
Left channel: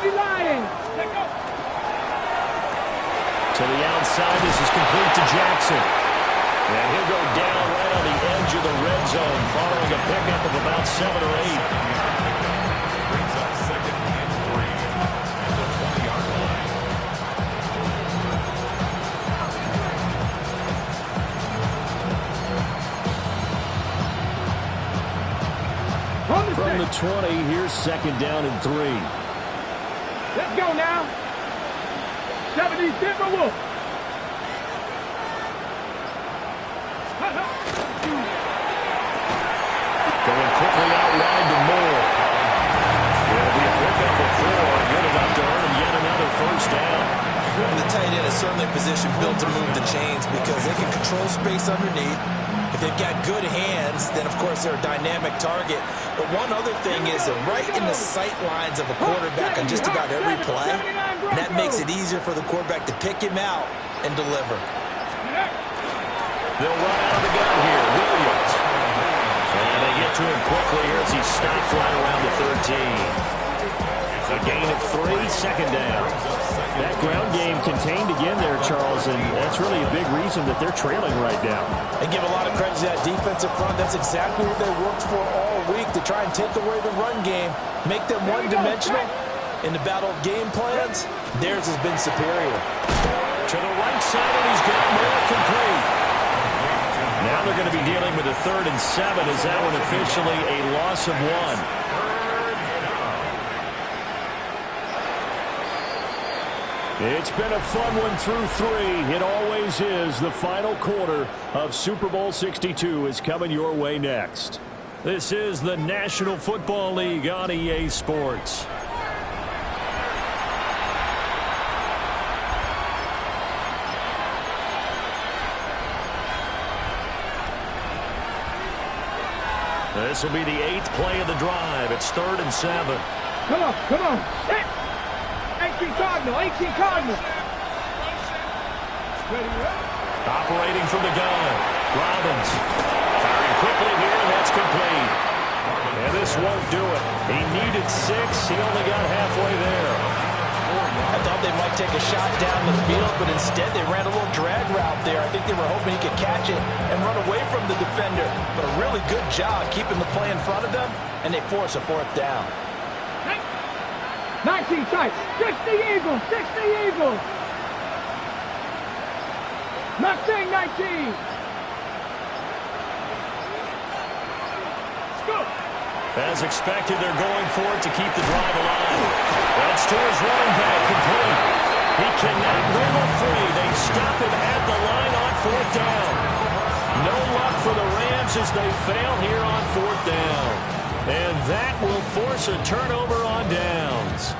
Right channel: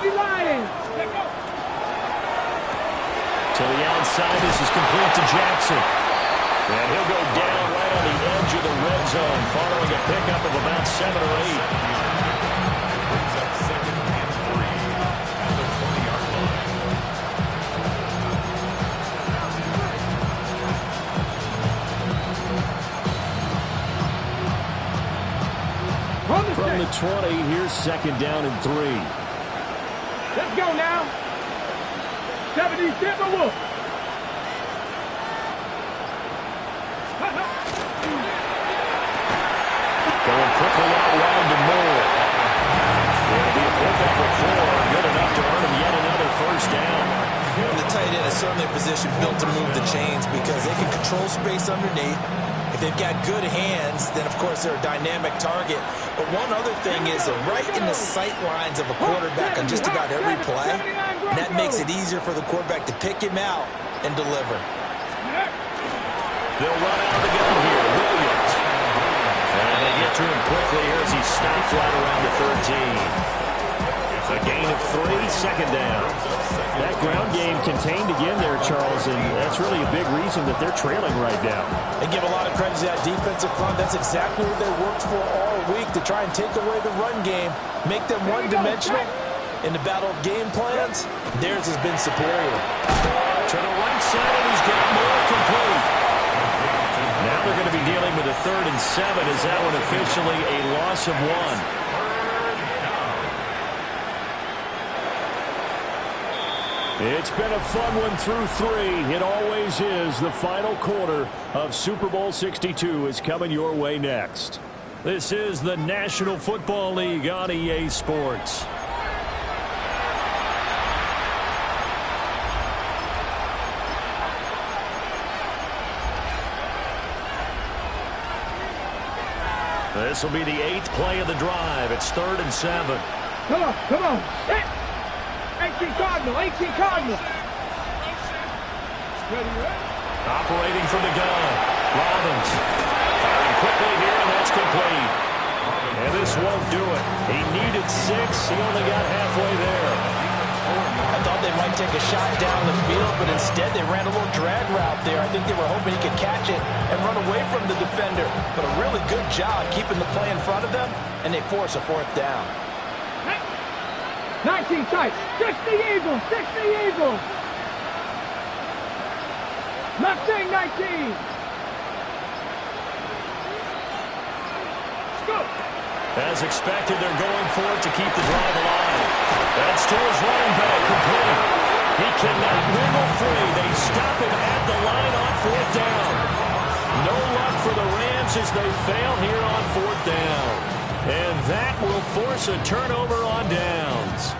70 Lions. Let's go. To the outside, this is complete to Jackson. And he'll go down right on the edge of the red zone following a pickup of about 7 or 8. Brings up 2nd and 3 at the 20-yard line. From the 20, here's 2nd down and 3. Let's go now. 70 Timberwolves. Going quickly out wide to Moore. It'll be a pickup of 4. Good enough to earn him yet another first down. And the tight end is certainly a position built to move the chains because they can control space underneath. If they've got good hands, then, of course, they're a dynamic target. But one other thing is they're right in the sight lines of a quarterback on just about every play. And that makes it easier for the quarterback to pick him out and deliver. They'll run out of the gun here. Williams. And they get to him quickly here as he stopped right around the 13. A gain of 3, 2nd down. That ground game contained again there, Charles, and that's really a big reason that they're trailing right now. They give a lot of credit to that defensive front. That's exactly what they worked for all week, to try and take away the run game, make them one-dimensional. In the battle of game plans, theirs has been superior. To the right side, and he's got more complete. Now they're going to be dealing with a 3rd and 7. Is that one officially a loss of 1? It's been a fun one through 3. It always is. The final quarter of Super Bowl 62 is coming your way next. This is the National Football League on EA Sports. This will be the 8th play of the drive. It's 3rd and 7. Come on, come on. 18 Cardinal, 18 Cardinal. Ready, ready. Operating from the gun. Robbins firing quickly here, and that's complete. And this won't do it. He needed 6. He only got halfway there. I thought they might take a shot down the field, but instead they ran a little drag route there. I think they were hoping he could catch it and run away from the defender. But a really good job keeping the play in front of them, and they force a 4th down. 19 tight. 60 Eagles. 60 Eagles. Mustang 19. Let's go. As expected, they're going for it to keep the drive alive. That's to his running back, complete. He cannot wiggle free. They stop him at the line on 4th down. No luck for the Rams as they fail here on 4th down. And that will force a turnover on downs.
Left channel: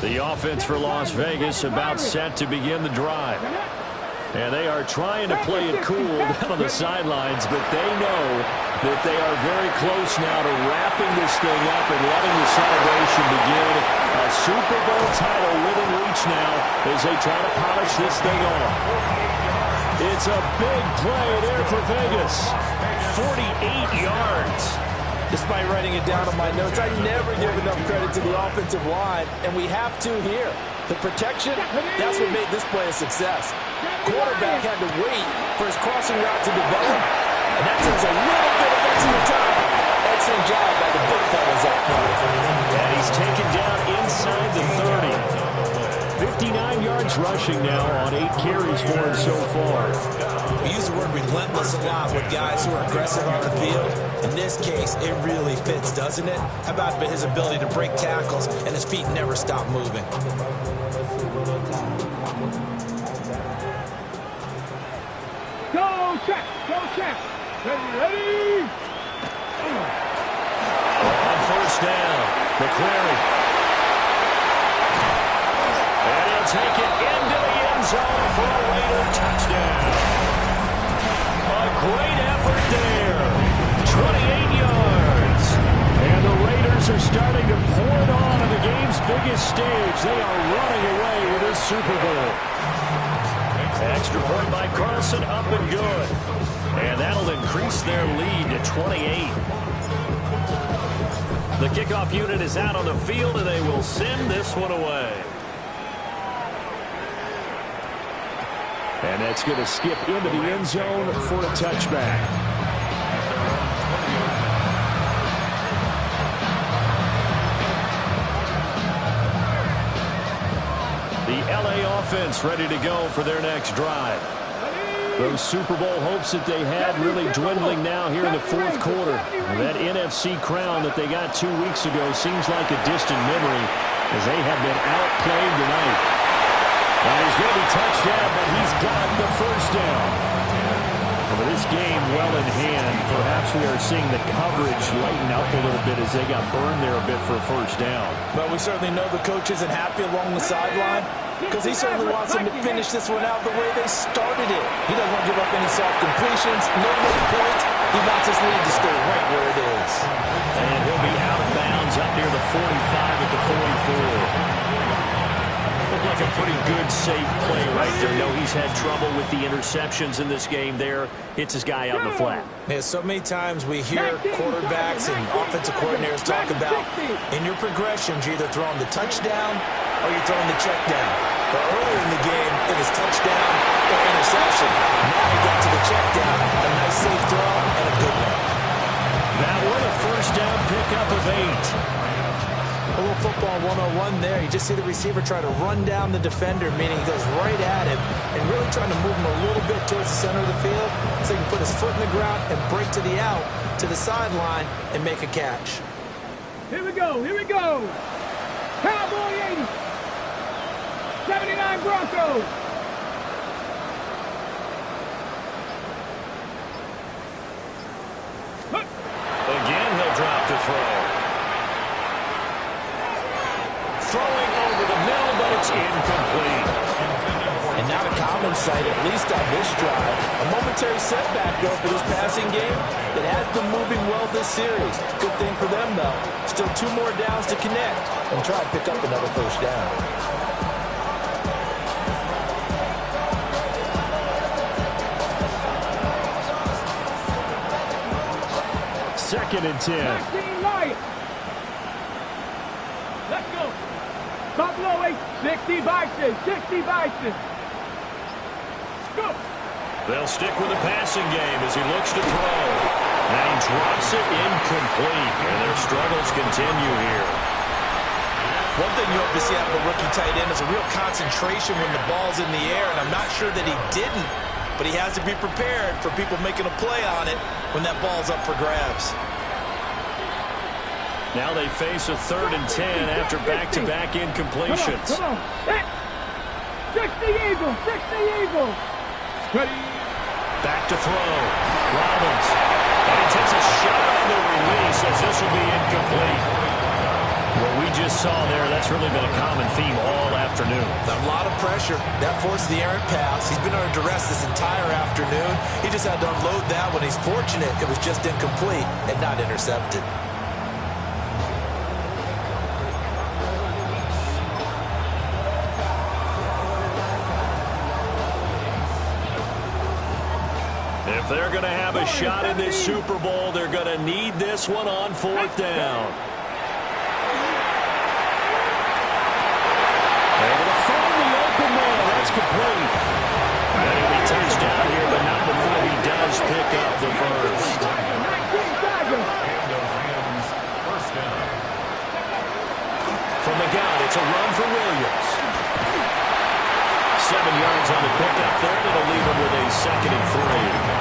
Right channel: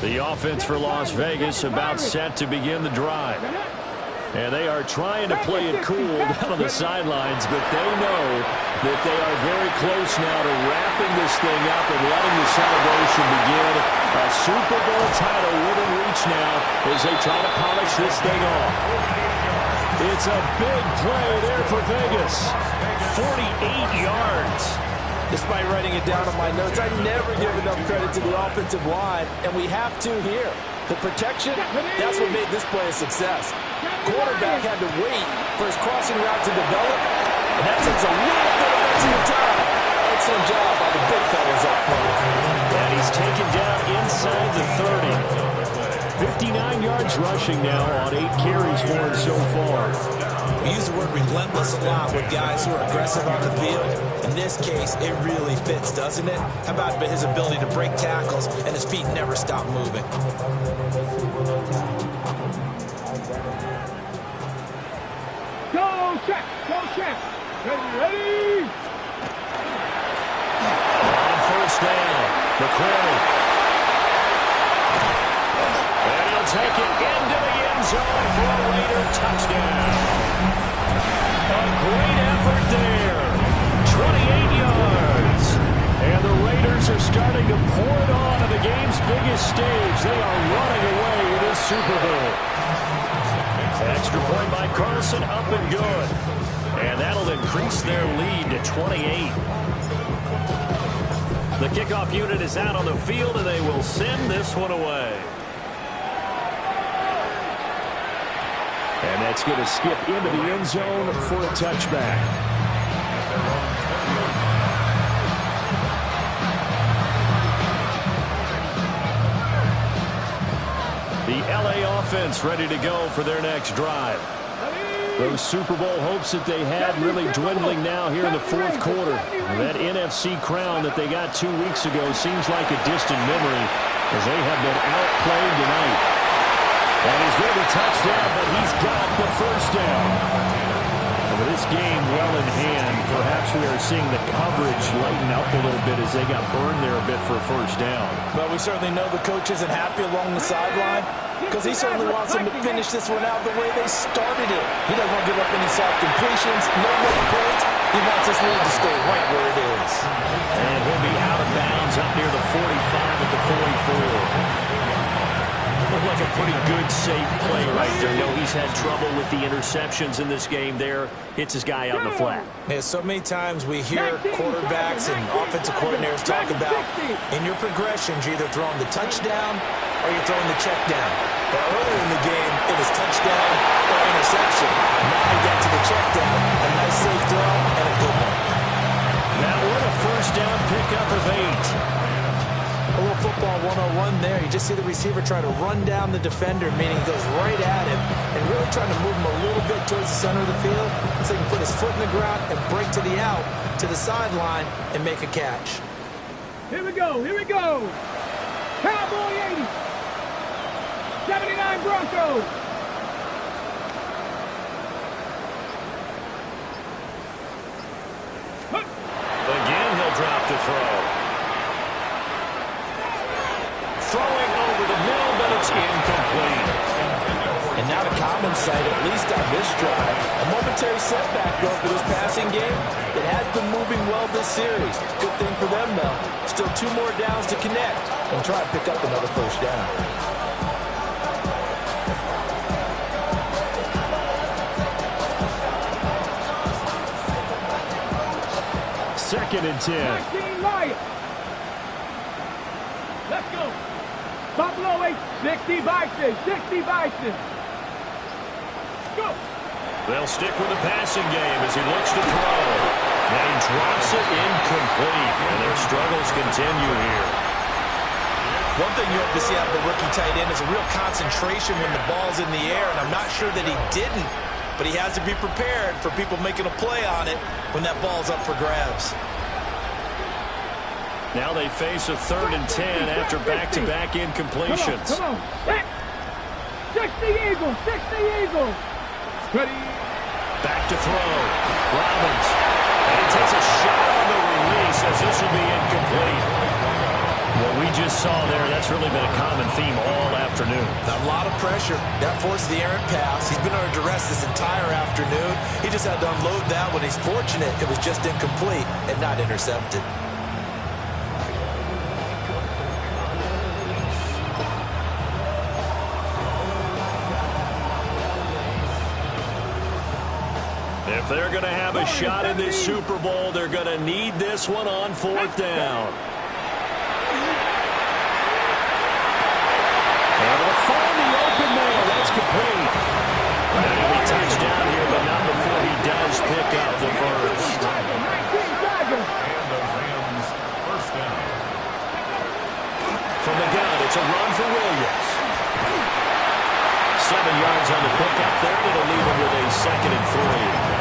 The offense for Las Vegas about set to begin the drive. And they are trying to play it cool down on the sidelines, but they know that they are very close now to wrapping this thing up and letting the celebration begin. A Super Bowl title within reach now as they try to polish this thing off. It's a big play there for Vegas. 48 yards. Despite writing it down on my notes, I never give enough credit to the offensive line, and we have to here. The protection, that's what made this play a success. Quarterback had to wait for his crossing route to develop, and that takes a little bit of extra time. Excellent job by the big fellas up front. And he's taken down inside the 30. 59 yards rushing now on 8 carries for him so far. We use the word relentless a lot with guys who are aggressive on the field. In this case, it really fits, doesn't it? How about his ability to break tackles and his feet never stop moving? Go check, go check. Ready, ready. On 1st down, McCrary. And he'll take it into the end zone for a Raider touchdown. A great effort there. 28 yards. And the Raiders are starting to pour it on the game's biggest stage. They are running away with this Super Bowl. Extra point by Carlson, up and good. And that'll increase their lead to 28. The kickoff unit is out on the field, and they will send this one away. And that's going to skip into the end zone for a touchback. At their own 20-yard line. The LA offense ready to go for their next drive. Those Super Bowl hopes that they had really dwindling now here in the fourth quarter. That NFC crown that they got 2 weeks ago seems like a distant memory as they have been outplayed tonight. And he's going to be touched down, but he's got the first down. And with this game well in hand, perhaps we are seeing the coverage lighten up a little bit as they got burned there a bit for a first down. But we certainly know the coach isn't happy along the sideline because he certainly wants them to finish this one out the way they started it. He doesn't want to give up any soft completions, no late points. He wants his lead to stay right where it is. And he'll be out of bounds up near the 45 at the 44. Looked like a pretty good, safe play right there. No, he's had trouble with the interceptions in this game there. Hits his guy out in the flat. Yeah, so many times we hear quarterbacks and offensive coordinators talk about in your progressions, you're either throwing the touchdown or you're throwing the check down. But earlier in the game, it was touchdown or interception. Now he got to the check down, a nice safe throw, and a good one. That one a first down pickup of 8. A little football 101 there. You just see the receiver try to run down the defender, meaning he goes right at him and really trying to move him a little bit towards the center of the field so he can put his foot in the ground and break to the out, to the sideline, and make a catch. Here we go. Here we go. Cowboy 80. 79 Broncos. Again, he'll drop to throw. Throwing over the middle, but it's incomplete. And not a common sight, at least on this drive. A momentary setback, though, for this passing game. It has been moving well this series. Good thing for them, though. Still 2 more downs to connect and try and pick up another first down. Second and 10. 19 Lions. Let's go. Buffalo 8, 60 Bison, 60 Bison. Go. They'll stick with the passing game as he looks to throw. And he drops it incomplete. And their struggles continue here. One thing you hope to see out of a rookie tight end is a real concentration when the ball's in the air, and I'm not sure that he didn't, but he has to be prepared for people making a play on it when that ball's up for grabs. Now they face a 3rd and 10 after back-to-back incompletions. Come on. 60 Eagles, 60 Eagles. Ready. Back to throw. Robbins. And he takes a shot on the release as this will be incomplete. What we just saw there, that's really been a common theme all afternoon. A lot of pressure. That forced the errant pass. He's been under duress this entire afternoon. He just had to unload that one. He's fortunate it was just incomplete and not intercepted. If they're going to have a shot in this Super Bowl, they're going to need this one on 4th down. Able to find the open man. That's complete. And he'll be touched down here, but not before he does pick up the first. And the Rams first down. From the gun, it's a run for Williams. 7 yards on the pickup there, and it'll leave him with a 2nd and 3.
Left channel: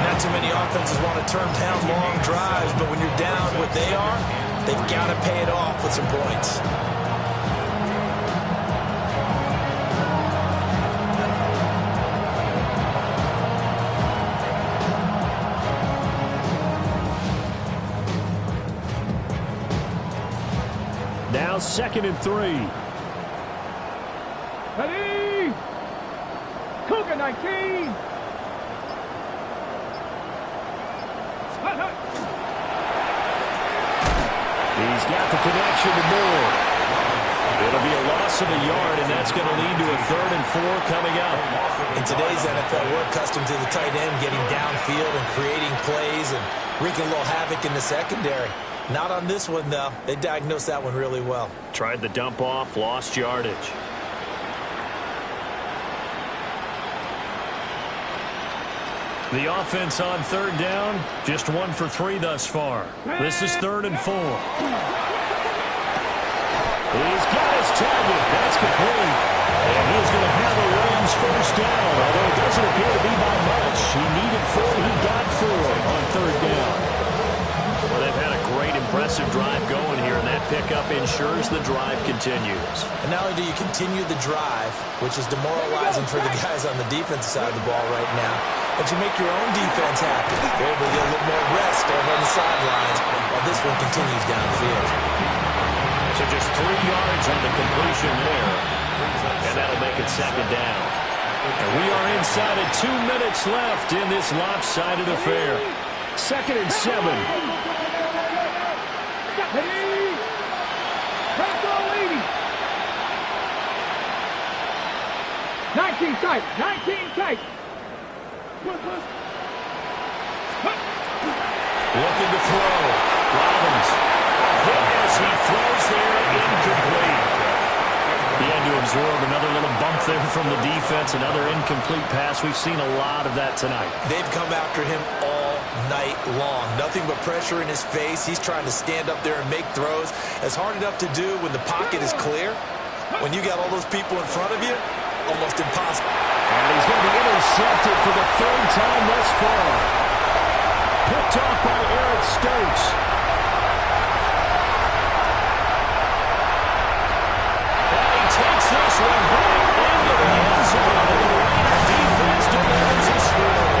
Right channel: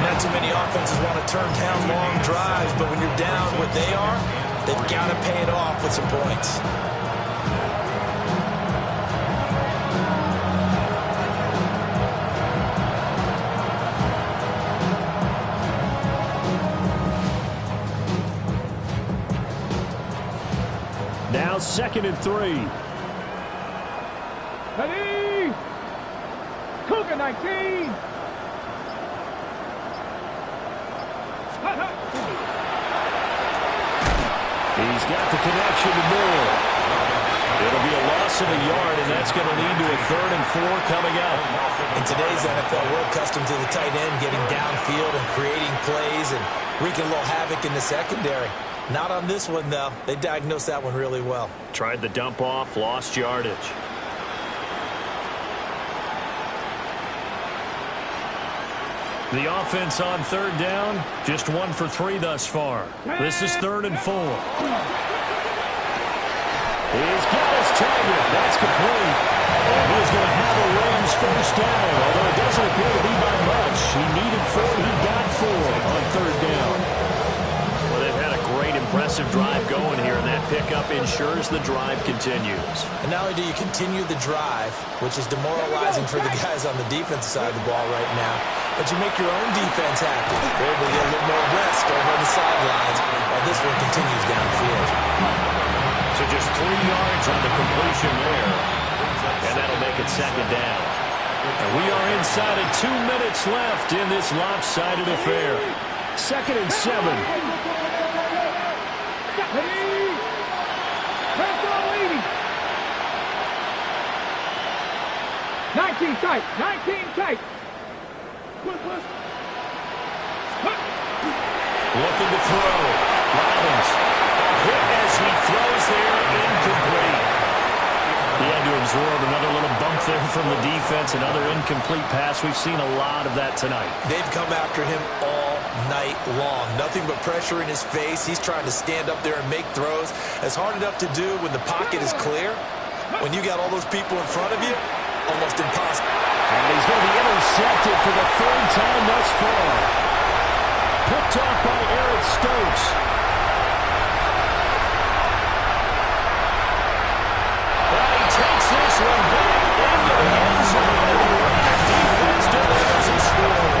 Not too many offenses want to turn down long drives, but when you're down what they are, they've got to pay it off with some points. Now 2nd and 3. Ready. Cougar 19. He's got the connection to Moore. It'll be a loss of a yard, and that's going to lead to a 3rd and 4 coming up. In today's NFL, we're accustomed to the tight end getting downfield and creating plays and wreaking a little havoc in the secondary. Not on this one, though. They diagnosed that one really well. Tried the dump off, lost yardage. The offense on 3rd down, just 1 for 3 thus far. This is 3rd and 4. He's got his target. That's complete. And he's going to have a Rams first down, although it doesn't appear to be by much. He needed 4. He got 4 on 3rd down. Well, they've had a great, impressive drive going here, and that pickup ensures the drive continues. And not only do you continue the drive, which is demoralizing for the guys on the defensive side of the ball right now, but you make your own defense happy. You're able to get a little more rest over on the sidelines while this one continues downfield. So just 3 yards on the completion there, and that'll make it 2nd down. And we are inside of 2 minutes left in this lopsided affair. 2nd and 7. 19 tight. 19 tight. Looking to throw. Robbins. Hit as he throws there, incomplete. He had to absorb another little bump there from the defense, another incomplete pass. We've seen a lot of that tonight. They've come after him all night long. Nothing but pressure in his face. He's trying to stand up there and make throws. It's hard enough to do when the pocket is clear. When you got all those people in front of you, almost impossible. And he's going to be intercepted for the 3rd time thus far. Picked off by Eric Stokes. And he takes this one back into the end zone, and the Raider defense delivers a score.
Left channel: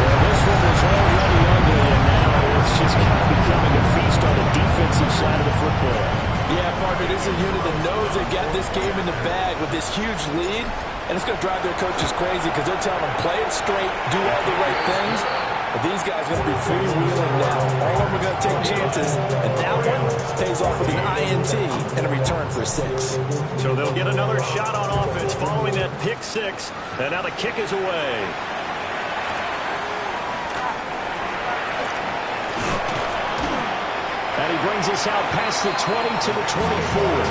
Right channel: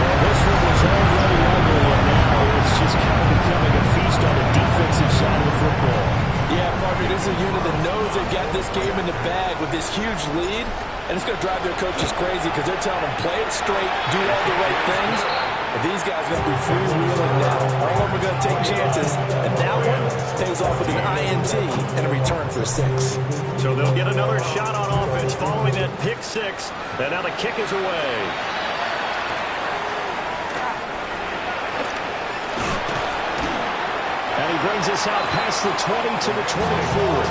Well, this one was already ugly, and now it's just kind of becoming a feast on the defensive side of the football. Yeah, partner, this is a unit that knows they've got this game in the bag with this huge lead, and it's going to drive their coaches crazy because they're telling them, play it straight, do all the right things. But these guys are going to be freewheeling now. All of them are going to take chances, and that one pays off with an INT and a return for a 6. So they'll get another shot on offense following that pick 6, and now the kick is away. And he brings us out past the 20 to the 24.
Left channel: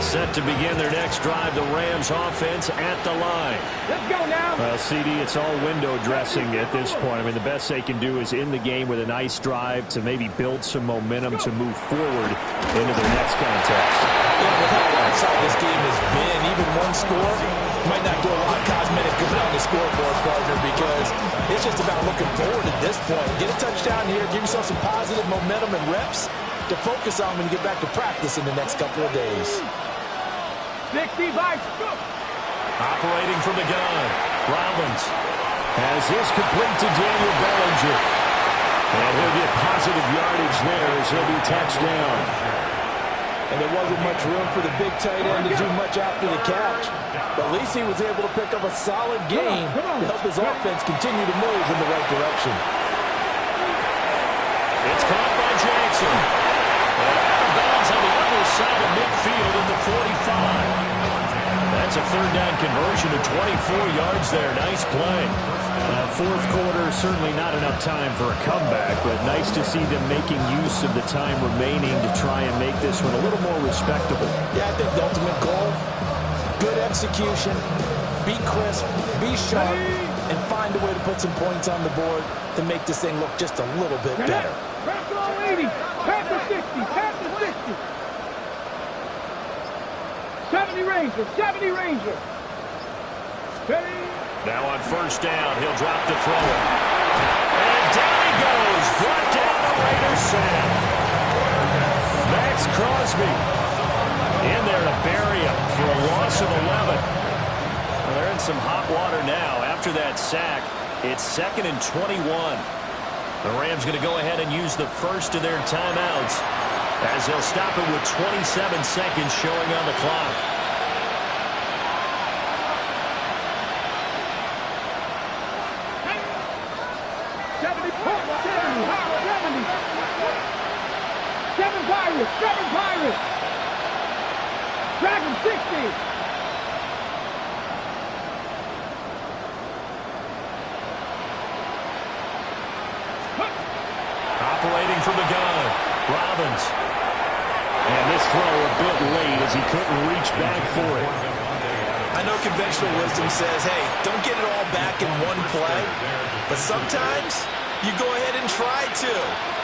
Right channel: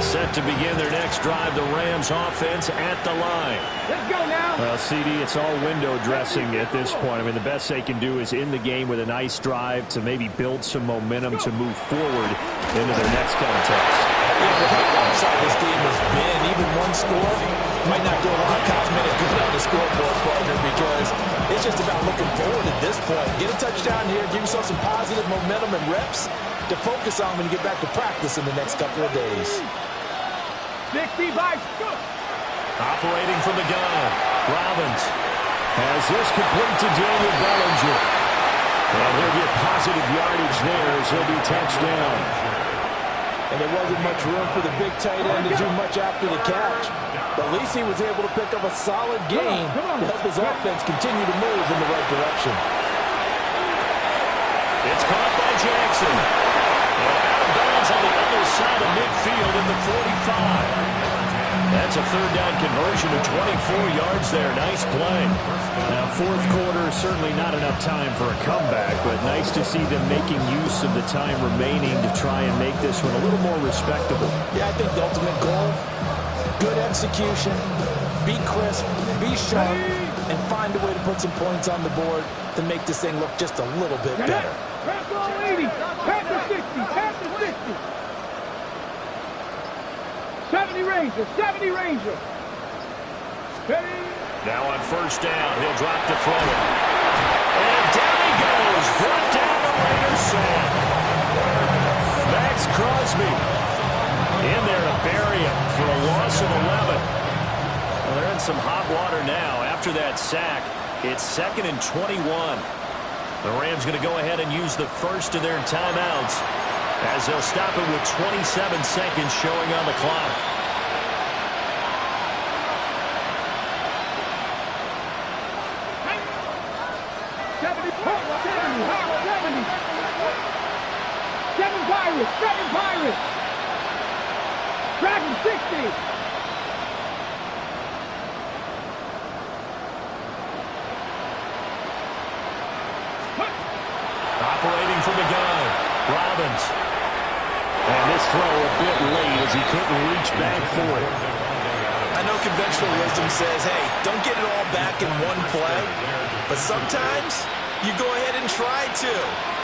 Set to begin their next drive, the Rams offense at the line. Let's go now. Well, CD, it's all window dressing at this point. I mean, the best they can do is in the game with a nice drive to maybe build some momentum to move forward into their next contest. Yeah, with how lopsided this game has been, even one score might not do a lot of cosmetic good on the scoreboard, partner, because it's just about looking forward at this point. Get a touchdown here, give yourself some positive momentum and reps to focus on when you get back to practice in the next couple of days. 65. Go. Operating from the gun, Robbins Has this complete to Daniel Bellinger. And he'll get positive yardage there as he'll be touchdown. And there wasn't much room for the big tight end to do much after the catch. But at least he was able to pick up a solid gain to help his offense continue to move in the right direction. It's caught by Jackson. And out of bounds on the other side of midfield at the 45. That's a third down conversion of 24 yards there. Nice play. Now, fourth quarter, certainly not enough time for a comeback, but nice to see them making use of the time remaining to try and make this one a little more respectable. Yeah, I think the ultimate goal, good execution, be crisp, be sharp, and find a way to put some points on the board to make this thing look just a little bit better. Pass all 80. Pass the 60. Pass the 60. 70 Ranger. 70 Ranger. Ready? Now on first down, he'll drop to throw it. And down he goes. Brought down the Raiders sack. Max Crosby in there to bury him for a loss of 11. Well, they're in some hot water now. After that sack, it's 2nd and 21. The Rams going to go ahead and use the first of their timeouts as they'll stop it with 27 seconds showing on the clock. Pirates, 7 Pirates. Dragon 60. Operating from the gun, Robbins. And this throw a bit late as he couldn't reach back for it. I know conventional wisdom says, hey, don't get it all back in one play. But sometimes you go ahead and try to.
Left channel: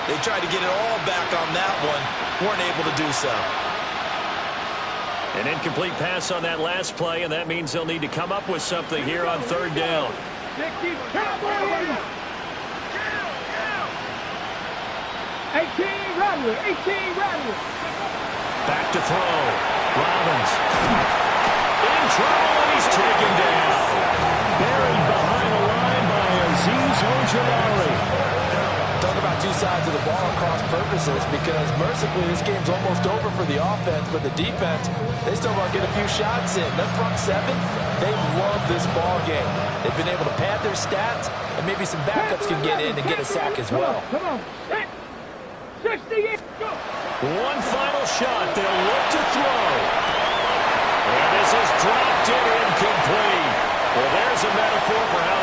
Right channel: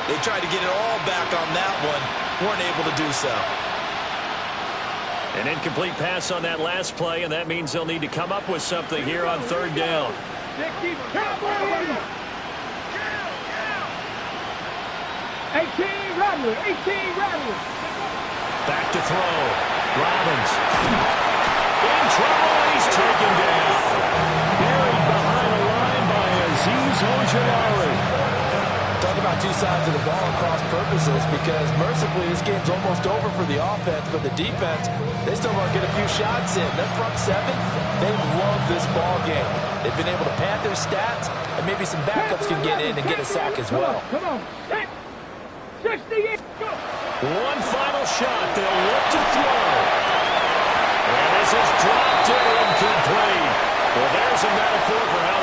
They tried to get it all back on that one. Weren't able to do so. An incomplete pass on that last play, and that means they'll need to come up with something here on third down. 60 Cowboys. 18 Rattler, 18 Rattler. Back to throw. Robbins. In trouble, and he's taken down. Buried behind the line by Azeez Ojulari. Talk about two sides of the ball at cross purposes, because mercifully this game's almost over for the offense, but the defense, they still want to get a few shots in. That front seven, they love this ball game. They've been able to pad their stats, and maybe some backups can get in and get a sack as well. Come on. 68. Go. One final shot. They'll look to throw. And this is dropped and incomplete. Well, there's a metaphor for how this